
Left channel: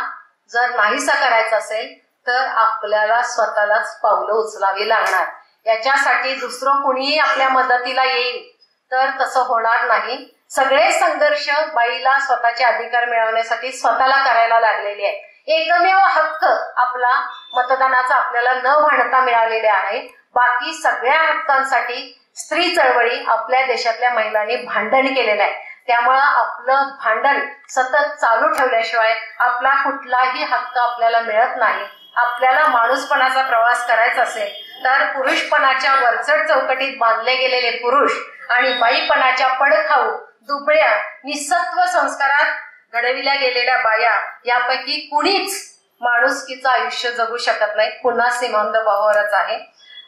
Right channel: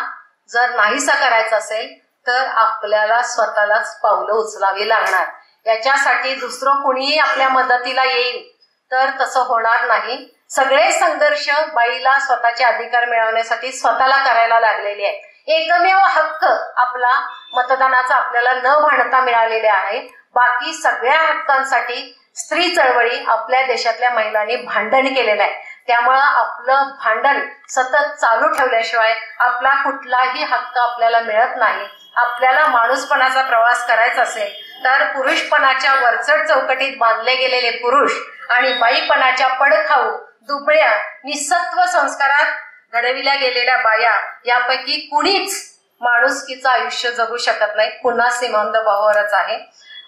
जर नाहीसा करायचा असेल तर आपल्याला स्वतःलाच पावलं उचलावी लागणार. याच्यासाठी दुसरं कुणीही आपल्या मदतीला येईल तर तसं होणार नाही. सगळे संघर्ष बाईला स्वतःचे अधिकार मिळवण्यासाठी स्वतःला करायला लागलेले आहेत. एकमेव हक्क आपला मतदानाचा आपल्याला न भांडता मिळालेले आहे. बाकी सगळ्या हक्कांसाठी स्त्री चळवळी आपल्या देशातल्या महिलांनी भांडण केलेलं आहे. त्यामुळं आपलं भांडण सतत चालू ठेवल्याशिवाय आपला कुठलाही हक्क आपल्याला मिळत नाही. आपल्याला माणूसपणाचा प्रवास करायचा असेल तर पुरुषपणाच्या वरचढ चौकटीत बांधले गेलेले पुरुष आणि बाईपणाच्या पडखाऊ, दुबळ्या, निसत्व संस्कारात घडविल्या गेलेल्या बाया यापैकी कुणीच माणुसकीचं आयुष्य जगू शकत नाही. पुन्हा सीमांत भावावरच आहे.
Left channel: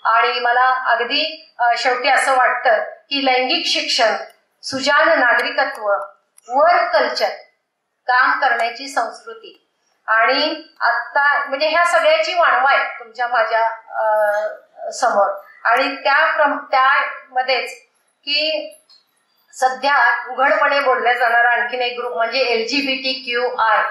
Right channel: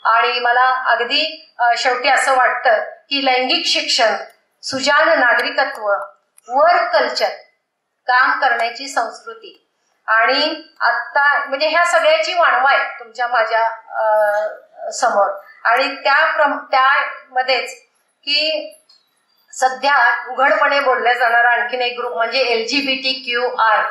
आणि मला अगदी शेवटी असं वाटतं की लैंगिक शिक्षण, सुजाण नागरिकत्व, वर्क कल्चर, काम करण्याची संस्कृती आणि आता म्हणजे ह्या सगळ्याची वाणवा आहे तुमच्या माझ्या समोर. आणि त्यामध्येच की सध्या उघडपणे बोलल्या जाणारा आणखीन एक ग्रुप म्हणजे LGBTQI,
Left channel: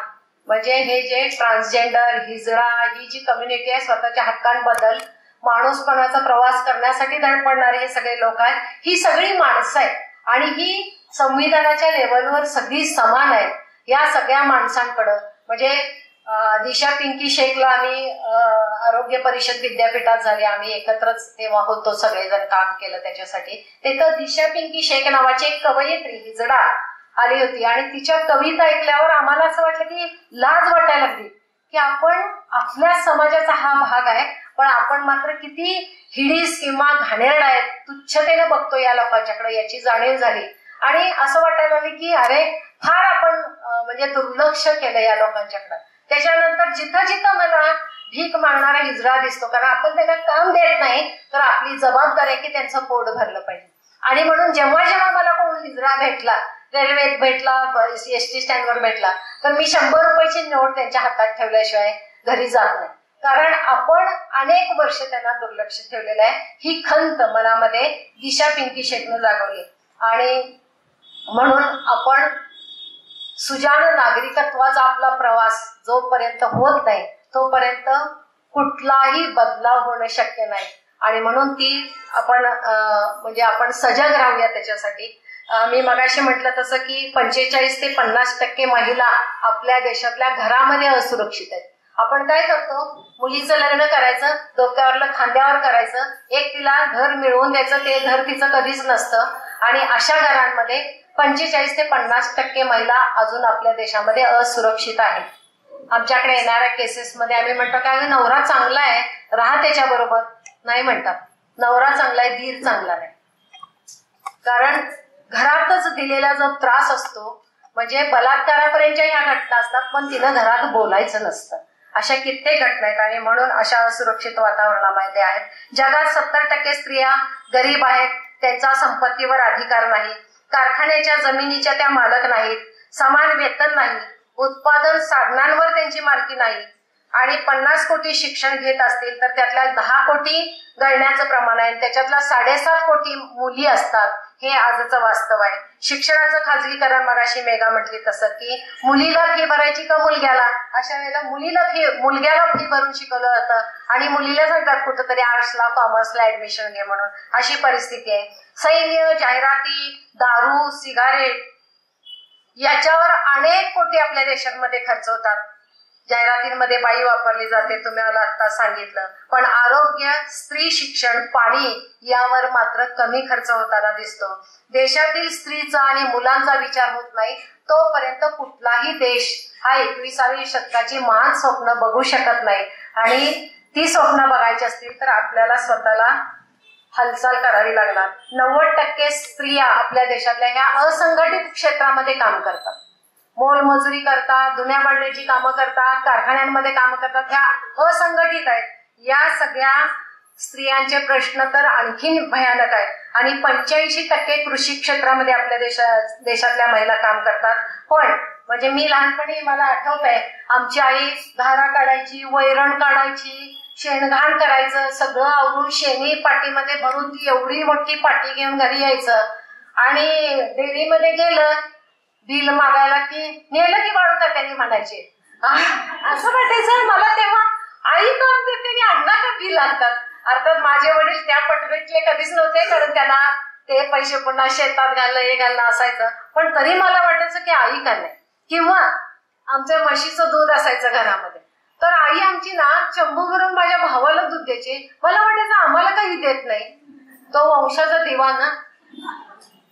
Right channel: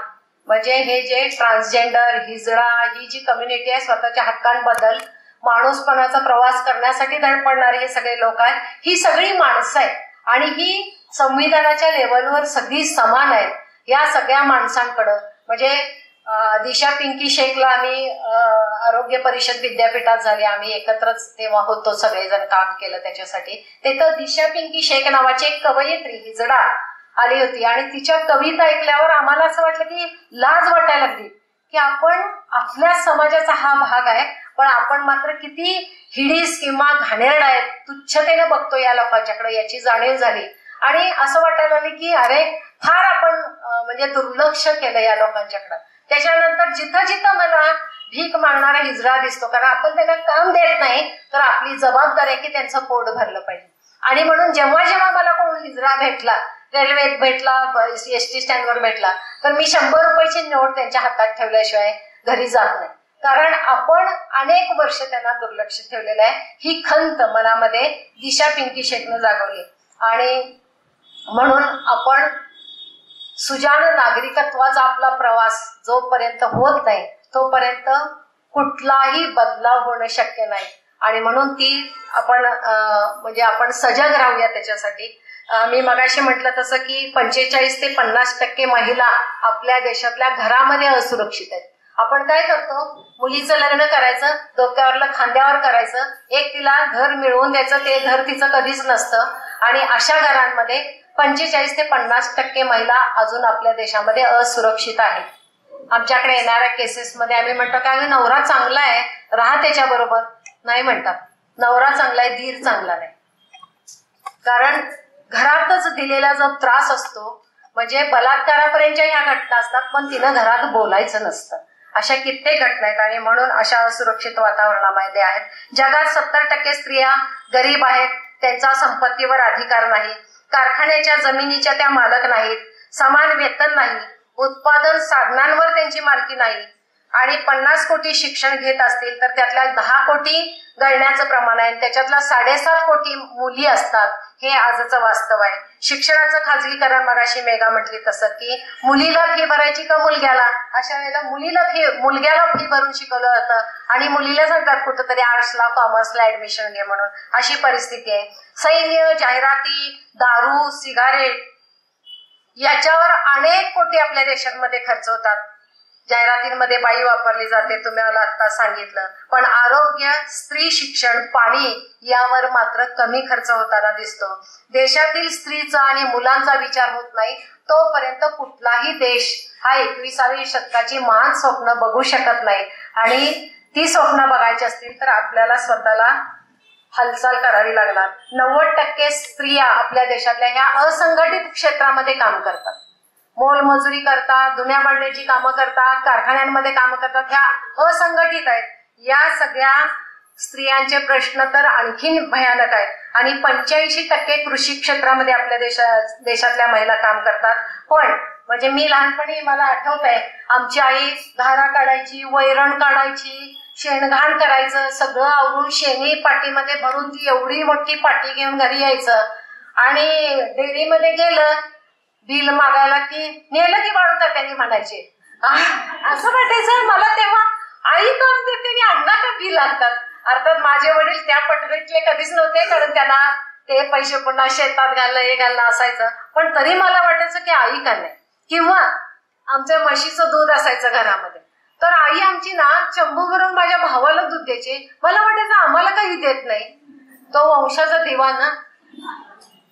म्हणजे हे जे ट्रान्सजेंडर, हिजडा ही जी कम्युनिटी आहे, स्वतःच्या हक्कांबद्दल माणूसपणाचा प्रवास करण्यासाठी धडपडणारे हे सगळे लोक आहेत. ही सगळी माणसं आहेत आणि ही संविधानाच्या लेवलवर सगळी समान आहेत. या सगळ्या माणसांकडं म्हणजे दिशा पिंकी शेखला आम्ही आरोग्य परिषद विद्यापीठात झाली, आम्ही एकत्रच तेव्हा होतो, सगळेजण काम केलं त्याच्यासाठी. तिथं दिशा पिंकी शेख नावाची एक कवयित्री हिजडा आली होती आणि तिच्या कविता ऐकल्यावर आम्हाला असं वाटलं की लाज वाटायला लागली की आपण आपल्या समाजाचा हा भाग आहे पण आपण मात्र किती हिडीस किंवा घाणेरडा आहे, तुच्छतेने बघतो या लोकांच्याकडे, याची जाणीव झाली. आणि असं वाटायला लागले की अरे फार आपण म्हणजे दुर्लक्ष केलं या लोकांच्याकडे. त्याच्यानंतर जिथं जिथं मला भीक मागणारा हिजडा दिसतो, कारण आपण त्यांना काम देत नाही तर आपली जबाबदारी आहे की त्यांचं पोट भरलं पाहिजे. आणि म्हणून जेव्हा जेव्हा मला कोण हिजडा भेटला, रेल्वेत भेटला, एसटी स्टँडवर भेटला, तर मी 100 रुपयाची नोट त्यांच्या हातात ठेवल्याशिवाय घरी जात नाही. कारण आपण अनेक वर्ष त्यांना दुर्लक्ष ठेवलेलं आहे. ही खंत मनामध्ये दिशा पिंकी शेखनं जागवली. आणि म्हणून आपण सुजाण नागरिकत्वाचा आपला प्रवास जोपर्यंत होत नाही तोपर्यंत कुठलाही बदलाव होणं शक्य नाही. आणि म्हणून ती आपण म्हणजे आपण सजग राहूया त्याच्यासाठी. मी मगाशी म्हटलं तसं की 45 ते 50% महिला आपल्या देशातल्या घरामध्ये असुरक्षित आहेत. आपण काय करतो, मुलीचं लग्न करायचं, डोक्यावरलं खांद्यावर करायचं, एक तिला घर मिळवून द्यायचं, ते घर तिचं कधीच नसतं. आणि अशा घरांमध्ये 45 ते 50% महिला अजून आपल्या देशामध्ये असुरक्षित आहेत. आमच्याकडे येणाऱ्या केसेसमध्ये आम्ही म्हणतो काय नवरा चांगला आहे, राहा त्याच्या बरोबर. नाही म्हणतात, नवरा चांगला आहे, धीर चांगला नाही. कारण घरातच दिलेला जो त्रास असतो, म्हणजे बलात्कारापर्यंतच्या ह्या घटना असतात पण तिनं घरात बोलायचं नसतं. अशा कित्येक घटना आहेत. आणि म्हणून अशा असुरक्षित वातावरणामध्ये आहेत. जगात 70% स्त्रिया गरीब आहेत, त्यांचा संपत्तीवर अधिकार नाही, कारखान्याच्या जमिनीच्या त्या मालक नाहीत, समान वेतन नाही, उत्पादन साधनांवर त्यांची मालकी नाही, आणि 50 कोटी शिक्षण घेत असतील तर त्यातल्या 10 कोटी गळण्याचं प्रमाण आहे, त्याच्यातला 7.5 कोटी मुली असतात. हे आजचं वास्तव आहे. शिक्षणाचं खाजगीकरण, मगाशी मेघा म्हटली तसं की मुलीला फी भरायची का मुलग्याला, अशा वेळेला मुलग्याला फी भरून शिकवलं जातं आणि मुलीला सांगतात कुठंतरी आर्ट्सला कॉमर्सला ऍडमिशन घे म्हणून. अशी परिस्थिती आहे. सैन्य, जाहिराती, दारू, सिगारेट याच्यावर अनेक कोटी आपल्या देशांमध्ये खर्च होतात. जाहिरातींमध्ये बाई वापरली जाते, तुम्ही मला आता सांगितलं. पण आरोग्य, स्त्री शिक्षण, पाणी यावर मात्र कमी खर्च होताना दिसतो. देशातील स्त्रीचा आणि मुलांचा विचार होत नाही तोपर्यंत कुठलाही देश हा 21व्या शतकाची महान स्वप्न बघू शकत नाही. आणि ती स्वप्न बघायची असतील तर आपल्याला स्वतःला हालचाल करावी लागणार. 90% स्त्रिया आपल्या देशातल्या ह्या असंघटित क्षेत्रामध्ये काम करतात. मोलमजुरी करतात, धुण्या भांड्याची कामं करतात, कारखान्यांमध्ये कामं करतात. ह्या असंघटित आहेत. या सगळ्या स्त्रियांचे प्रश्न तर आणखीन भयानक आहेत. आणि 85% कृषी क्षेत्रामध्ये आपल्या देशातल्या महिला काम करतात. पण म्हणजे मी लहानपणी मला आठवत आहे, आमची आई धारा काढायची, वैरण काढायची, शेणघाण करायचं, सगळं आवरून शेणी पाटीमध्ये भरून ती एवढी मोठी पाटी घेऊन घरी यायचं. आणि डेअरीमध्ये गेलं बिल मागायला की नेलं की वाढवतात त्यांनी म्हणायचे. असं वाटायचं मला तेव्हा, आई काम करते आणि अण्णा का बिल आणतात. अर्थात माझे वडील त्या पटरीतले कधीच नव्हते, कारण त्यांना ते पैसे पुन्हा शेतात घालणं हे घालणं असायचं. पण तरी मला वाटायचं की आई का नाही. किंवा आमच्या म्हशीचं दूध असायचं घरामध्ये, तर आई आमची ना चंबू भरून माझ्या भावाला दूध द्यायचे. मला वाटायचं आम्हाला काही देत नाही, तो वंशाचा दिवा ना,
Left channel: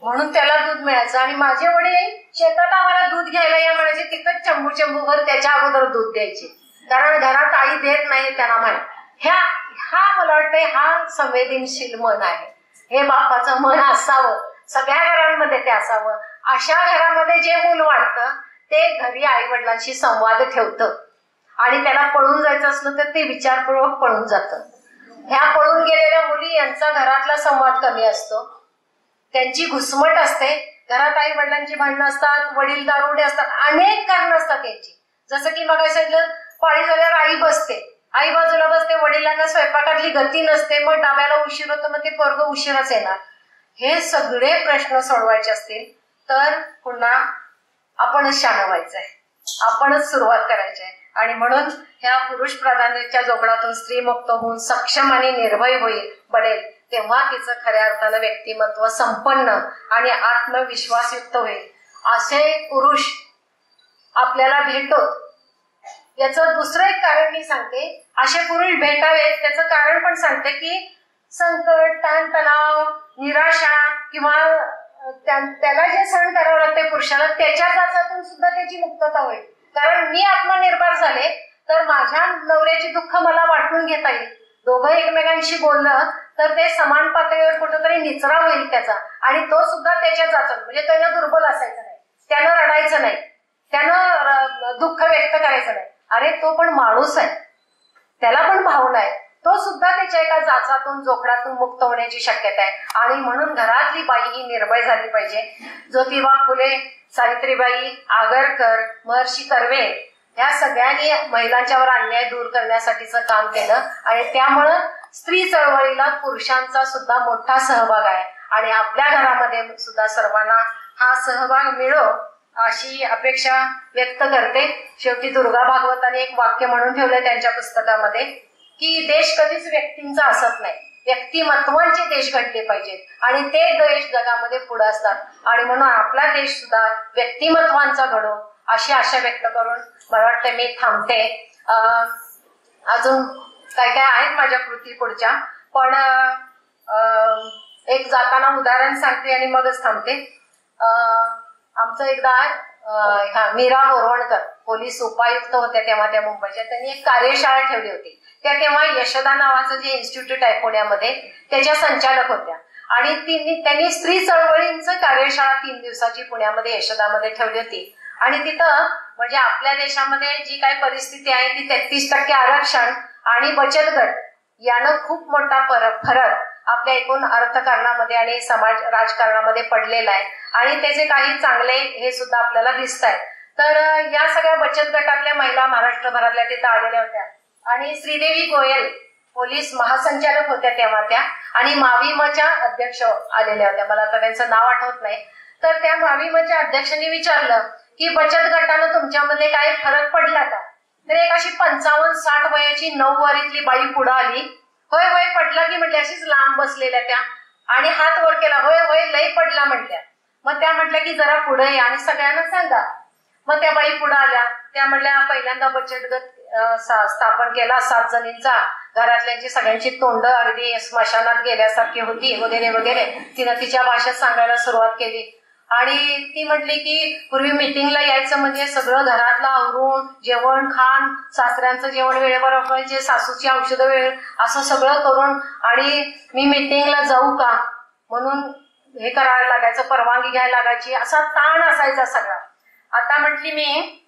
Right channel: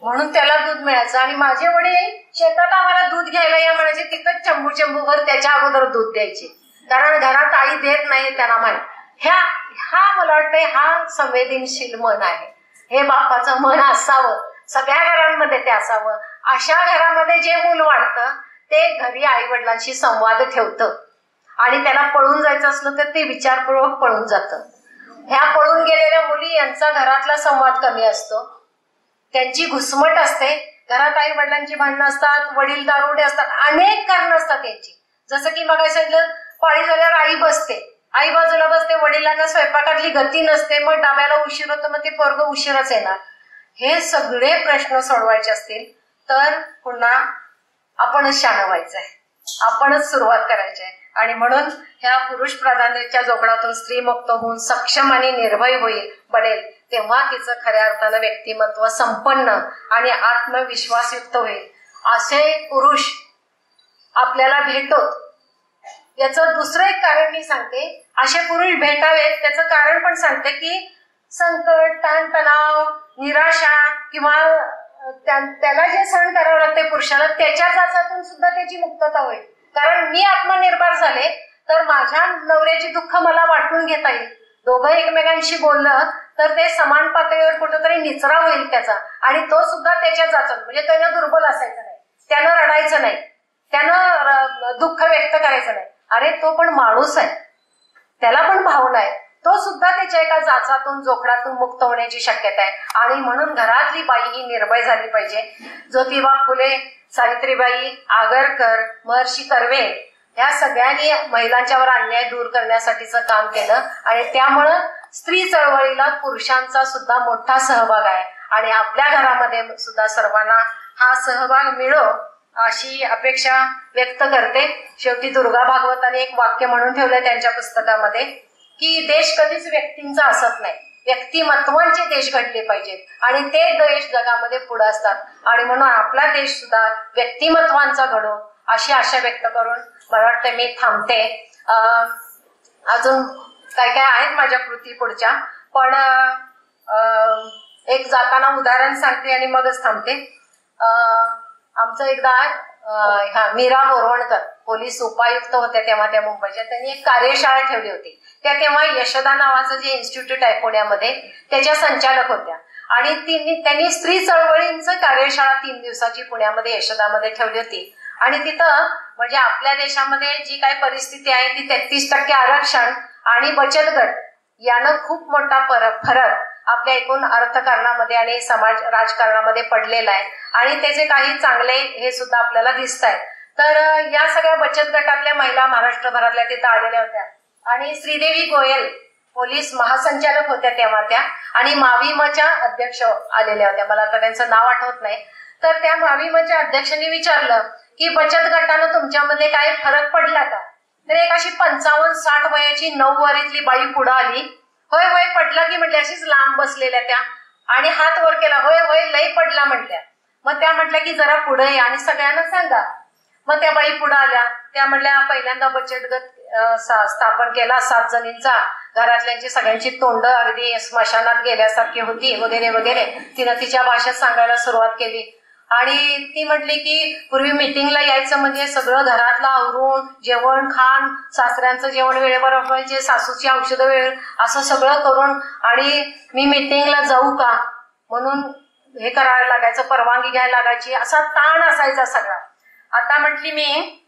म्हणून त्याला दूध मिळायचं. आणि माझे वडील शेतात आम्हाला दूध घ्यायला या म्हणायचे, तिथं चंबूभर त्याच्या अगोदर दूध द्यायचे, कारण घरात आई देत नाही त्यांना माहिती. हा मला वाटतंय हा संवेदनशील मन आहे. हे बापाचं मन असावं, सगळ्या घरांमध्ये ते असावं. अशा घरामध्ये जे मूल वाढतं ते घरी आई वडिलांशी संवाद ठेवतं आणि त्याला पळून जायचं असलं तर ते विचारपूर्वक पळून जातं. ह्या पळून गेलेल्या मुली यांचा घरातला संवाद कमी असतो, त्यांची घुसमट असते. घरात आई वडिलांची भांडणं असतात, वडील दारुडे असतात, अनेक कारणं असतात त्यांची. जसं की मग सांगितलं, पाळी झाल्यावर आई बसते, आई बाजूला बसते, वडिलांना स्वयंपाकातली गती नसते, मग डाब्याला उशीर होतो, मग ते पोरगं उशीरच येणार. हे सगळे प्रश्न सोडवायचे असतील तर पुन्हा आपणच शहाणं व्हायचंय, आपणच सुरुवात करायची आहे. आणि म्हणून ह्या पुरुष प्राधान्याच्या जोगडातून स्त्री मुक्त होऊन सक्षम आणि निर्भय बनेल, तेव्हा तिचं खऱ्या अर्थानं व्यक्तिमत्व संपन्न आणि आत्मविश्वासयुक्त होईल. असे पुरुष आपल्याला भेटोत. याचं दुसरं एक कारण मी सांगते, असे पुरुष भेटावेत त्याचं कारण पण सांगते की संकट, ताणतणाव, निराशा किंवा त्याला जे सहन करावं लागते पुरुषाला, त्याच्या जाचातून सुद्धा त्याची मुक्तता होईल. कारण मी आत्मनिर्भर झाले तर माझ्या नवऱ्याची दुःख मला वाटून घेता येईल. दोघं एकमेकांशी बोललं तर ते समान पातळीवर कुठंतरी निचरा होईल त्याचा, आणि तो सुद्धा त्याच्या जाचात, म्हणजे त्यानं दुर्बल असायचं नाही, त्यानं रडायचं नाही, त्यानं दुःख व्यक्त करायचं नाही. अरे तो पण माणूस आहे, त्याला पण भावना आहे, तो सुद्धा त्याच्या एका जाचातून जोखडातून मुक्त होण्याची शक्यता आहे. आणि म्हणून घरातली बाई ही निर्भय झाली पाहिजे. ज्योतिबा फुले, सावित्रीबाई, आगरकर, महर्षी कर्वे ह्या सगळ्यांनी महिलांच्यावर अन्याय दूर करण्यासाठीचं काम केलं आणि त्यामुळं स्त्री चळवळीला पुरुषांचा सुद्धा मोठा सहभाग आहे. आणि आपल्या घरामध्ये सुद्धा सर्वांना हा सहभाग मिळो अशी अपेक्षा व्यक्त करते. शेवटी दुर्गा भागवताने एक वाक्य म्हणून ठेवलंय त्यांच्या पुस्तकामध्ये की देश कधीच व्यक्तींचा असत नाही, व्यक्तिमत्वांचे देश घडले पाहिजेत आणि ते देश जगामध्ये पुढे असतात. आणि म्हणून आपला देश सुद्धा व्यक्तिमत्वांचा घडो अशी आशा व्यक्त करून मला वाटतं मी थांबते. अजून काय काय आहेत माझ्या कृती पुढच्या, पण एक जाताना उदाहरण सांगते आणि मगच थांबते. आमचं एकदा मीरा बोरवणकर पोलीस उपायुक्त होत्या तेव्हा त्या मुंबईच्या, त्यांनी एक कार्यशाळा ठेवली होती. त्या तेव्हा यशोदा नावाचं जे इन्स्टिट्यूट आहे पुण्यामध्ये त्याच्या संचालक होत्या आणि त्यांनी स्त्री चळवळींचं कार्यशाळा 3 दिवसाची पुण्यामध्ये यशोदामध्ये ठेवली होती. आणि तिथं म्हणजे आपल्या देशामध्ये जी काही परिस्थिती आहे ती 33% आरक्षण आणि बचत गट यानं खूप मोठा फरक आपल्या एकूण अर्थकारणामध्ये आणि समाज राजकारणामध्ये पडलेला आहे आणि त्याचे काही चांगले हे सुद्धा आपल्याला दिसत आहेत. तर या सगळ्या बचत गटातल्या महिला महाराष्ट्रभरातल्या तिथं आलेल्या होत्या आणि श्रीदेवी गोयल पोलीस महासंचालक होत्या तेव्हा त्या, आणि माविमच्या अध्यक्ष आलेल्या होत्या, मला आता त्यांचं नाव आठवत नाही. तर त्या माविमच्या अध्यक्षांनी विचारलं की बचत गटानं तुमच्यामध्ये काय फरक पडला का? तर एक अशी 55-60 वयाची 9 वरीतली बाई पुढे आली. होय होय पडला की म्हटल्या, अशीच लांब बसलेल्या त्या, आणि हात वर केला, होय होय लय पडला म्हटल्या. मग त्या म्हटल्या की जरा पुढे या आणि सगळ्यांना सांगा. मग त्या बाई पुढे आल्या. त्या म्हटल्या पहिल्यांदा बचत गट स्थापन केला 7 जणींचा, घरातल्यांची सगळ्यांची तोंड अगदी स्मशानात गेल्यासारखी होती वगैरे वगैरे. तिनं तिच्या भाषेत सांगायला सुरुवात केली आणि ती म्हटली की पूर्वी मीटिंगला यायचं म्हणजे सगळं घरातलं आवरून जेवण खाण, सासऱ्यांचं जेवण वेळेवर व्हायचे, सासूची औषधं वेळ, असं सगळं करून, आणि मी मीटिंगला जाऊ का म्हणून हे करायला लागायचं, परवानगी घ्यायला लागायची, असा ताण असायचा सगळा. आता म्हटली मी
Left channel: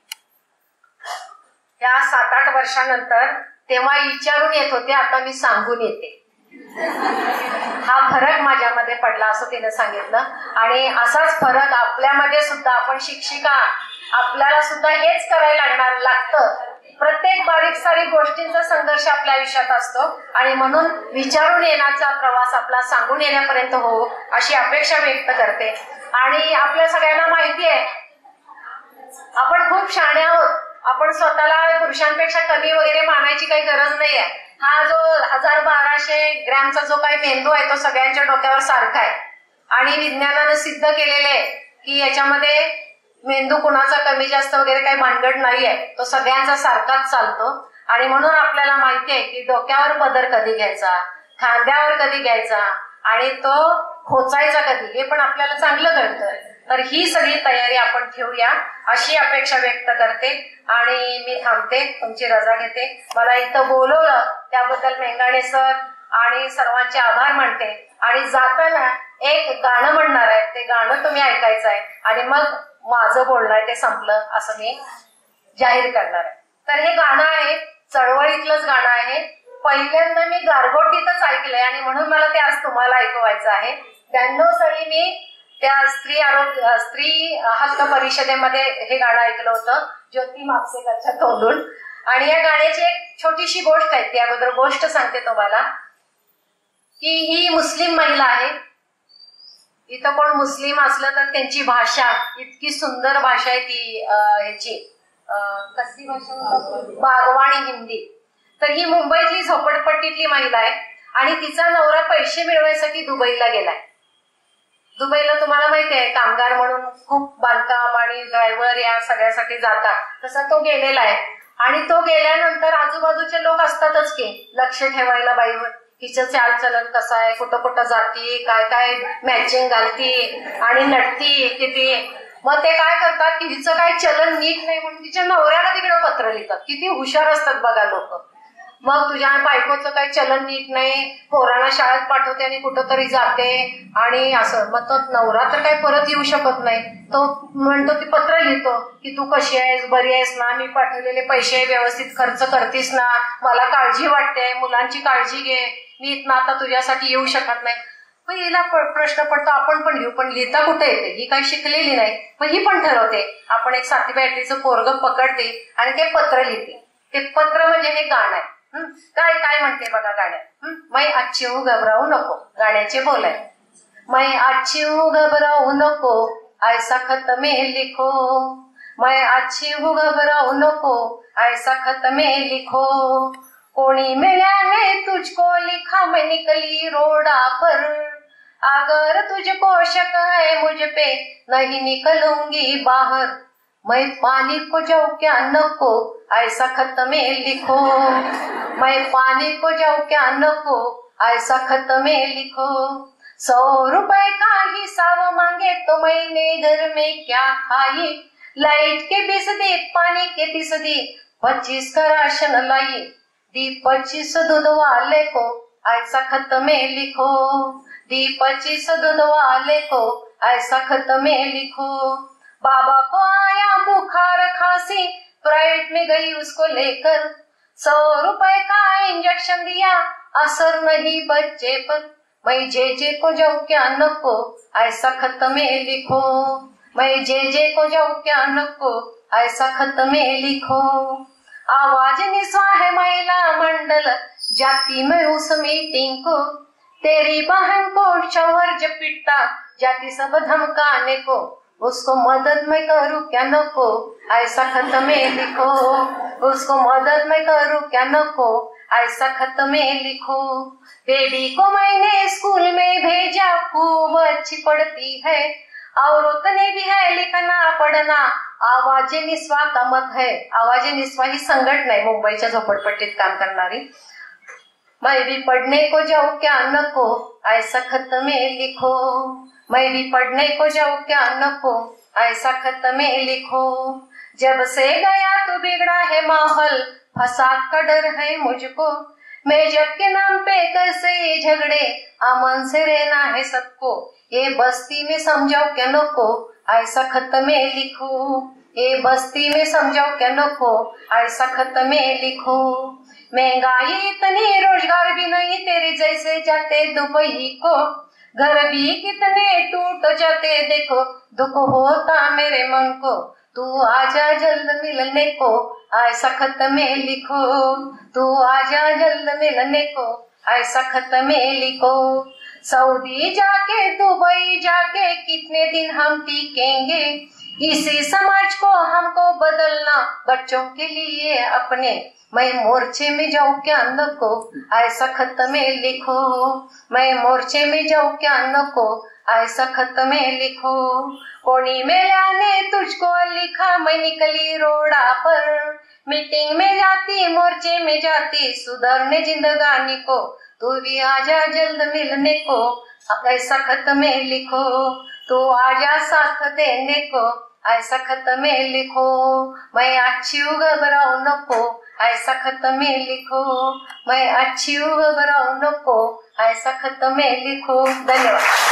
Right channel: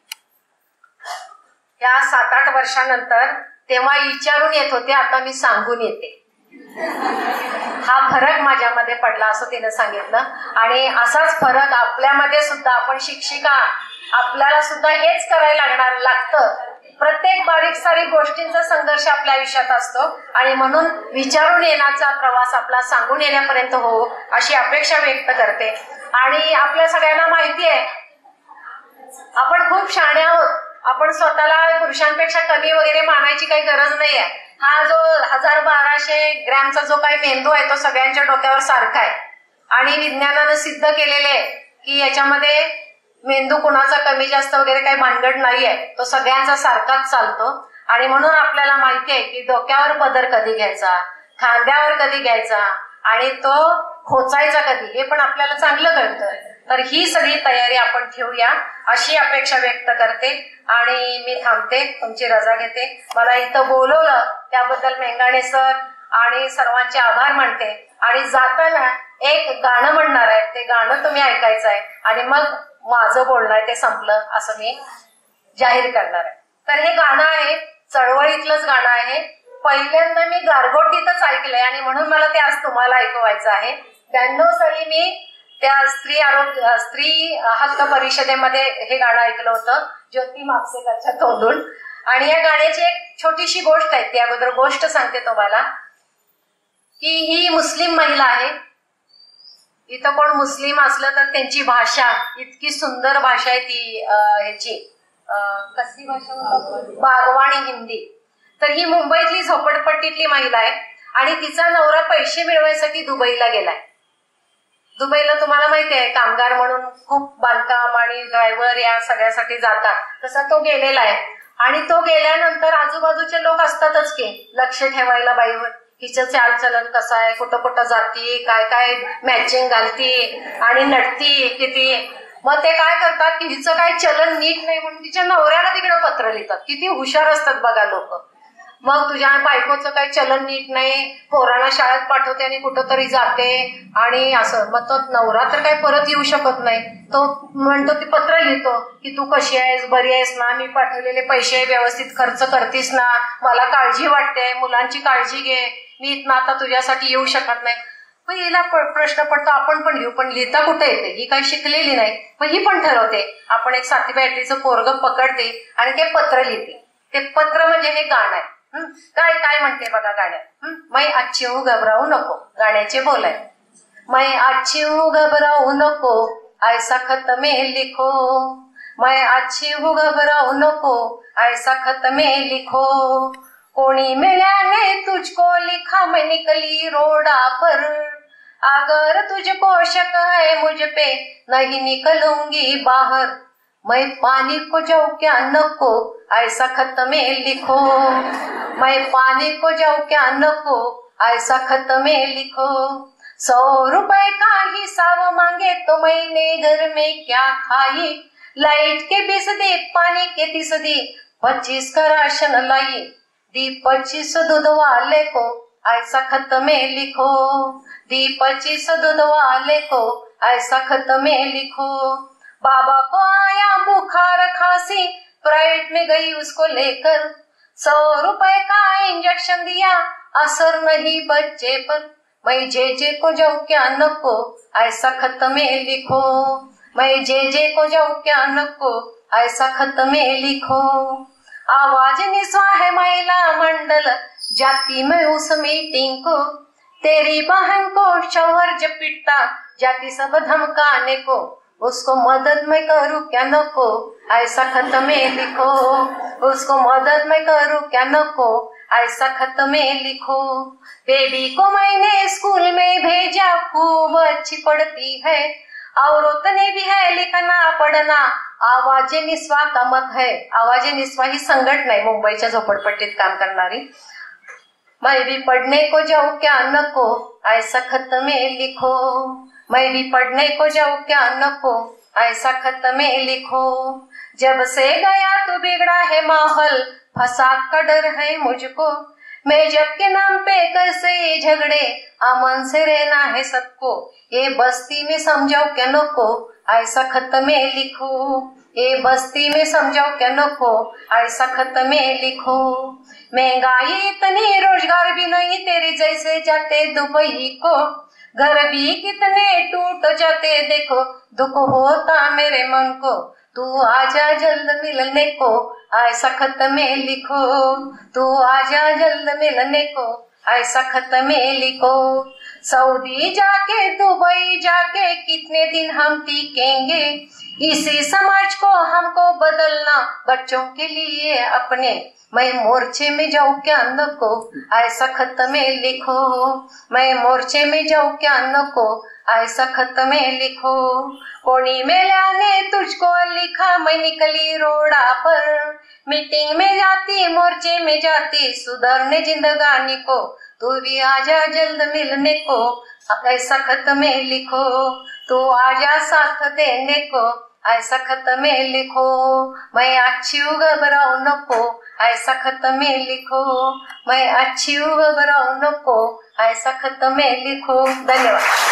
या 7-8 वर्षानंतर तेव्हा विचारून येत होते, आता मी सांगून येते. हा फरक माझ्यामध्ये पडला असं तिने सांगितलं. आणि असाच फरक आपल्यामध्ये सुद्धा, आपण शिक्षिका, आपल्याला सुद्धा हेच करायला लागतं. प्रत्येक बारीक सारीक गोष्टींचा संघर्ष आपल्या आयुष्यात असतो आणि म्हणून विचारून येण्याचा प्रवास आपला सांगून येण्यापर्यंत हो अशी अपेक्षा व्यक्त करते. आणि आपल्या सगळ्यांना माहिती आहे आपण खूप शहाणे आहोत. आपण स्वतःला पुरुषांपेक्षा कमी वगैरे मानायची काही गरज नाहीये. हा जो 1000-1200 ग्रॅमचा जो काही मेंदू आहे तो सगळ्यांच्या डोक्यावर सारखा आहे आणि विज्ञानानं सिद्ध केलेले आहे की याच्यामध्ये मेंदू कुणाचा कमी जास्त वगैरे काही भानगड नाहीये, तो सगळ्यांचा सारखाच चालतो. आणि म्हणून आपल्याला माहिती आहे की डोक्यावर पदर कधी घ्यायचा, खांद्यावर कधी घ्यायचा आणि तो खोचायचा कधी, हे पण आपल्याला चांगलं कळतं. तर ही सगळी तयारी आपण ठेवूया अशी अपेक्षा व्यक्त करते आणि मी थांबते, तुमची रजा घेते. मला इथं बोलवलं त्याबद्दल मेंगाणे सर आणि सर्वांचे आभार मानते. आणि जाताना एक गाणं म्हणणार आहे, ते गाणं तुम्ही ऐकायचं आहे आणि मग माझं बोलणं आहे ते संपलं असं मी जाहीर करणार आहे. तर हे गाणं आहे, चळवळीतलंच गाणं आहे. पहिल्यांदा मी गारगोटीतच ऐकलंय आणि म्हणून मला ते आज तुम्हाला ऐकवायचं आहे. 92 साली मी त्या स्त्री हक्क परिषदेमध्ये हे गाणं ऐकलं होतं ज्योती म्हापसेकरच्या तोंडून. आणि या गाण्याची एक छोटीशी गोष्ट आहे, ती अगोदर गोष्ट सांगते तुम्हाला की ही मुस्लिम महिला आहे. इथं कोण मुस्लिम असलं तर त्यांची भाषा इतकी सुंदर भाषा आहे ती ह्याची कसली भाषा, बागवाणी हिंदी. तर ही मुंबईतली झोपडपट्टीतली महिला आहे आणि तिचा नवरा पैसे मिळवायसाठी दुबईला गेलाय. दुबईला तुम्हाला माहिती आहे कामगार म्हणून खूप बांधकाम आणि ड्रायव्हर या सगळ्यासाठी जातात, तसा तो गेलेला आहे. आणि तो गेल्यानंतर आजूबाजूचे लोक असतातच की लक्ष ठेवायला बाईवर, हिचं चालचलन कसं आहे, कुठं कुठं जाती, काय काय मॅचिंग घालती आणि नटती किती. मग ते काय करतात की हिचं काय चलन नीट नाही म्हणून तिच्या नवऱ्याला तिकडे पत्र लिहितात. किती हुशार असतात बघा लोक. मग तुझ्या बायकोचं काही चलन नीट नाही, पोरांना शाळेत पाठवते आणि कुठंतरी जाते आणि असं. मग तो नवरा तर काही परत येऊ शकत नाही, तो म्हणतो ती पत्र लिहितो की तू कशी आहेस, बरी आहेस ना, मी पाठवलेले पैसे व्यवस्थित खर्च करतीस ना, मला काळजी वाटते, मुलांची काळजी घे, मी इथनं आता तुझ्यासाठी येऊ शकत नाही. मग हिला प्रश्न पडतो आपण पण लिहू, पण लिहिता कुठे येते, ही काही शिकलेली नाही. मग ही पण ठरवते आपण एक 7वी 8वीचं पोरग पकडते आणि ते पत्र लिहिते. ते पत्र म्हणजे हे गाणं आहे. काय काय म्हणते बघा गाण्यात, मै अच्छी हूं घबराऊ नको, गाण्याचे बोल आहे. मै अच्छी हूं घबराऊ नको ऐसा खत में लिखो, मै अच्छी हूं घबराऊ नको ऐसा खत में लिखो, कोणी मिल्याने तुझको लिखा मैं निकली रोडा पर, अगर तुझको शक है मुझ पे नहीं निकलूंगी बाहर, मैं पानी को जाऊं क्या नको ऐसा खत में लिखो, मैं पानी को जाऊं क्या नको ऐसा खत में लिखो, 100 रुपए का हिसाब मांगे तो मैंने घर में क्या खाई, लाइट के 20 दी, पानी के 30 दी, 25 का राशन लाई, दी 25 दूध वाले को ऐसा खत में लिखो, दी 25 दूध वाले को ऐसा खत में लिखो, बाबा को आया बुखार खांसी प्राइवेट में गई उसको लेकर, 100 रुपए का इंजेक्शन दिया असर नहीं बच्चे पर, मैं जे को जाऊं क्या नको ऐसा खत में लिखो, मैं जे को जाऊं क्या नको, ऐसा खत में लिखो। आवाज निस्वा है महिला मंडल, जाती मैं उस मीटिंग को। तेरी बहन को शौहर जब पिटता, जाती सब धमकाने को। उसको मदद मैं करूं क्या नको, ऐसा खत में लिखो। उसको मदद मैं करूं क्या नको, ऐसा खत में लिखो। बेबी को मैंने स्कूल में भेजा, खूब अच्छी पढ़ती है। औरत ने भी है लिखना पढ़ना, आवाज निस्वा का मत है। आवाज निस्वा ही संघटना आहे मुंबईच्या झोपडपट्टीत काम करणारी। मैं भी पढ़ने को जाऊं क्या नको, ऐसा खत में लिखो। मैं भी पढ़ने को जाऊं क्या नको, ऐसा खत में लिखो। जब से गया तो बिगड़ा है माहौल, फसाद का डर है मुझको। मैं जब के नाम पे कैसे ये झगड़े, अमन से रहना है सबको। ये बस्ती में समझाओ क्या नको, ऐसा खत में लिखो। ये बस्ती में समझाओ क्या नको, ऐसा खत में लिखो। महंगाई इतनी, रोजगार भी नहीं, तेरे जैसे जाते दुबई को। घर भी कितने टूट जाते, देखो दुख होता मेरे मन को। तू आजा जल्द मिलने को, ऐसा खत में लिखो। तू आजा जल्द मिलने को, ऐसा खत में लिखो। सऊदी जाके दुबई जाके कितने दिन हम टिकेंगे, इसी समाज को हमको बदलना बच्चों के लिए अपने। मैं मोर्चे में जाऊं क्या नको, ऐसा खत में लिखो। मैं मोर्चे में जाऊं क्या नको, ऐसा खत में लिखो। कोनी मेल्याने तुझको लिखा, मैं निकली रोड़ा पर। मीटिंग में जाती, मोर्चे में जाती, सुधरने जिंदगानी को। तू भी आजा जल्द मिलने को, ऐसा खत में लिखो। तू आजा साथ देने को, ऐसा खत में लिखो। मैं अच्छी हूँ घबराओ नको, ऐसा खत में लिखो। मैं अच्छी हूँ घबराओ नको, ऐसा खत में लिखो। धन्यवाद।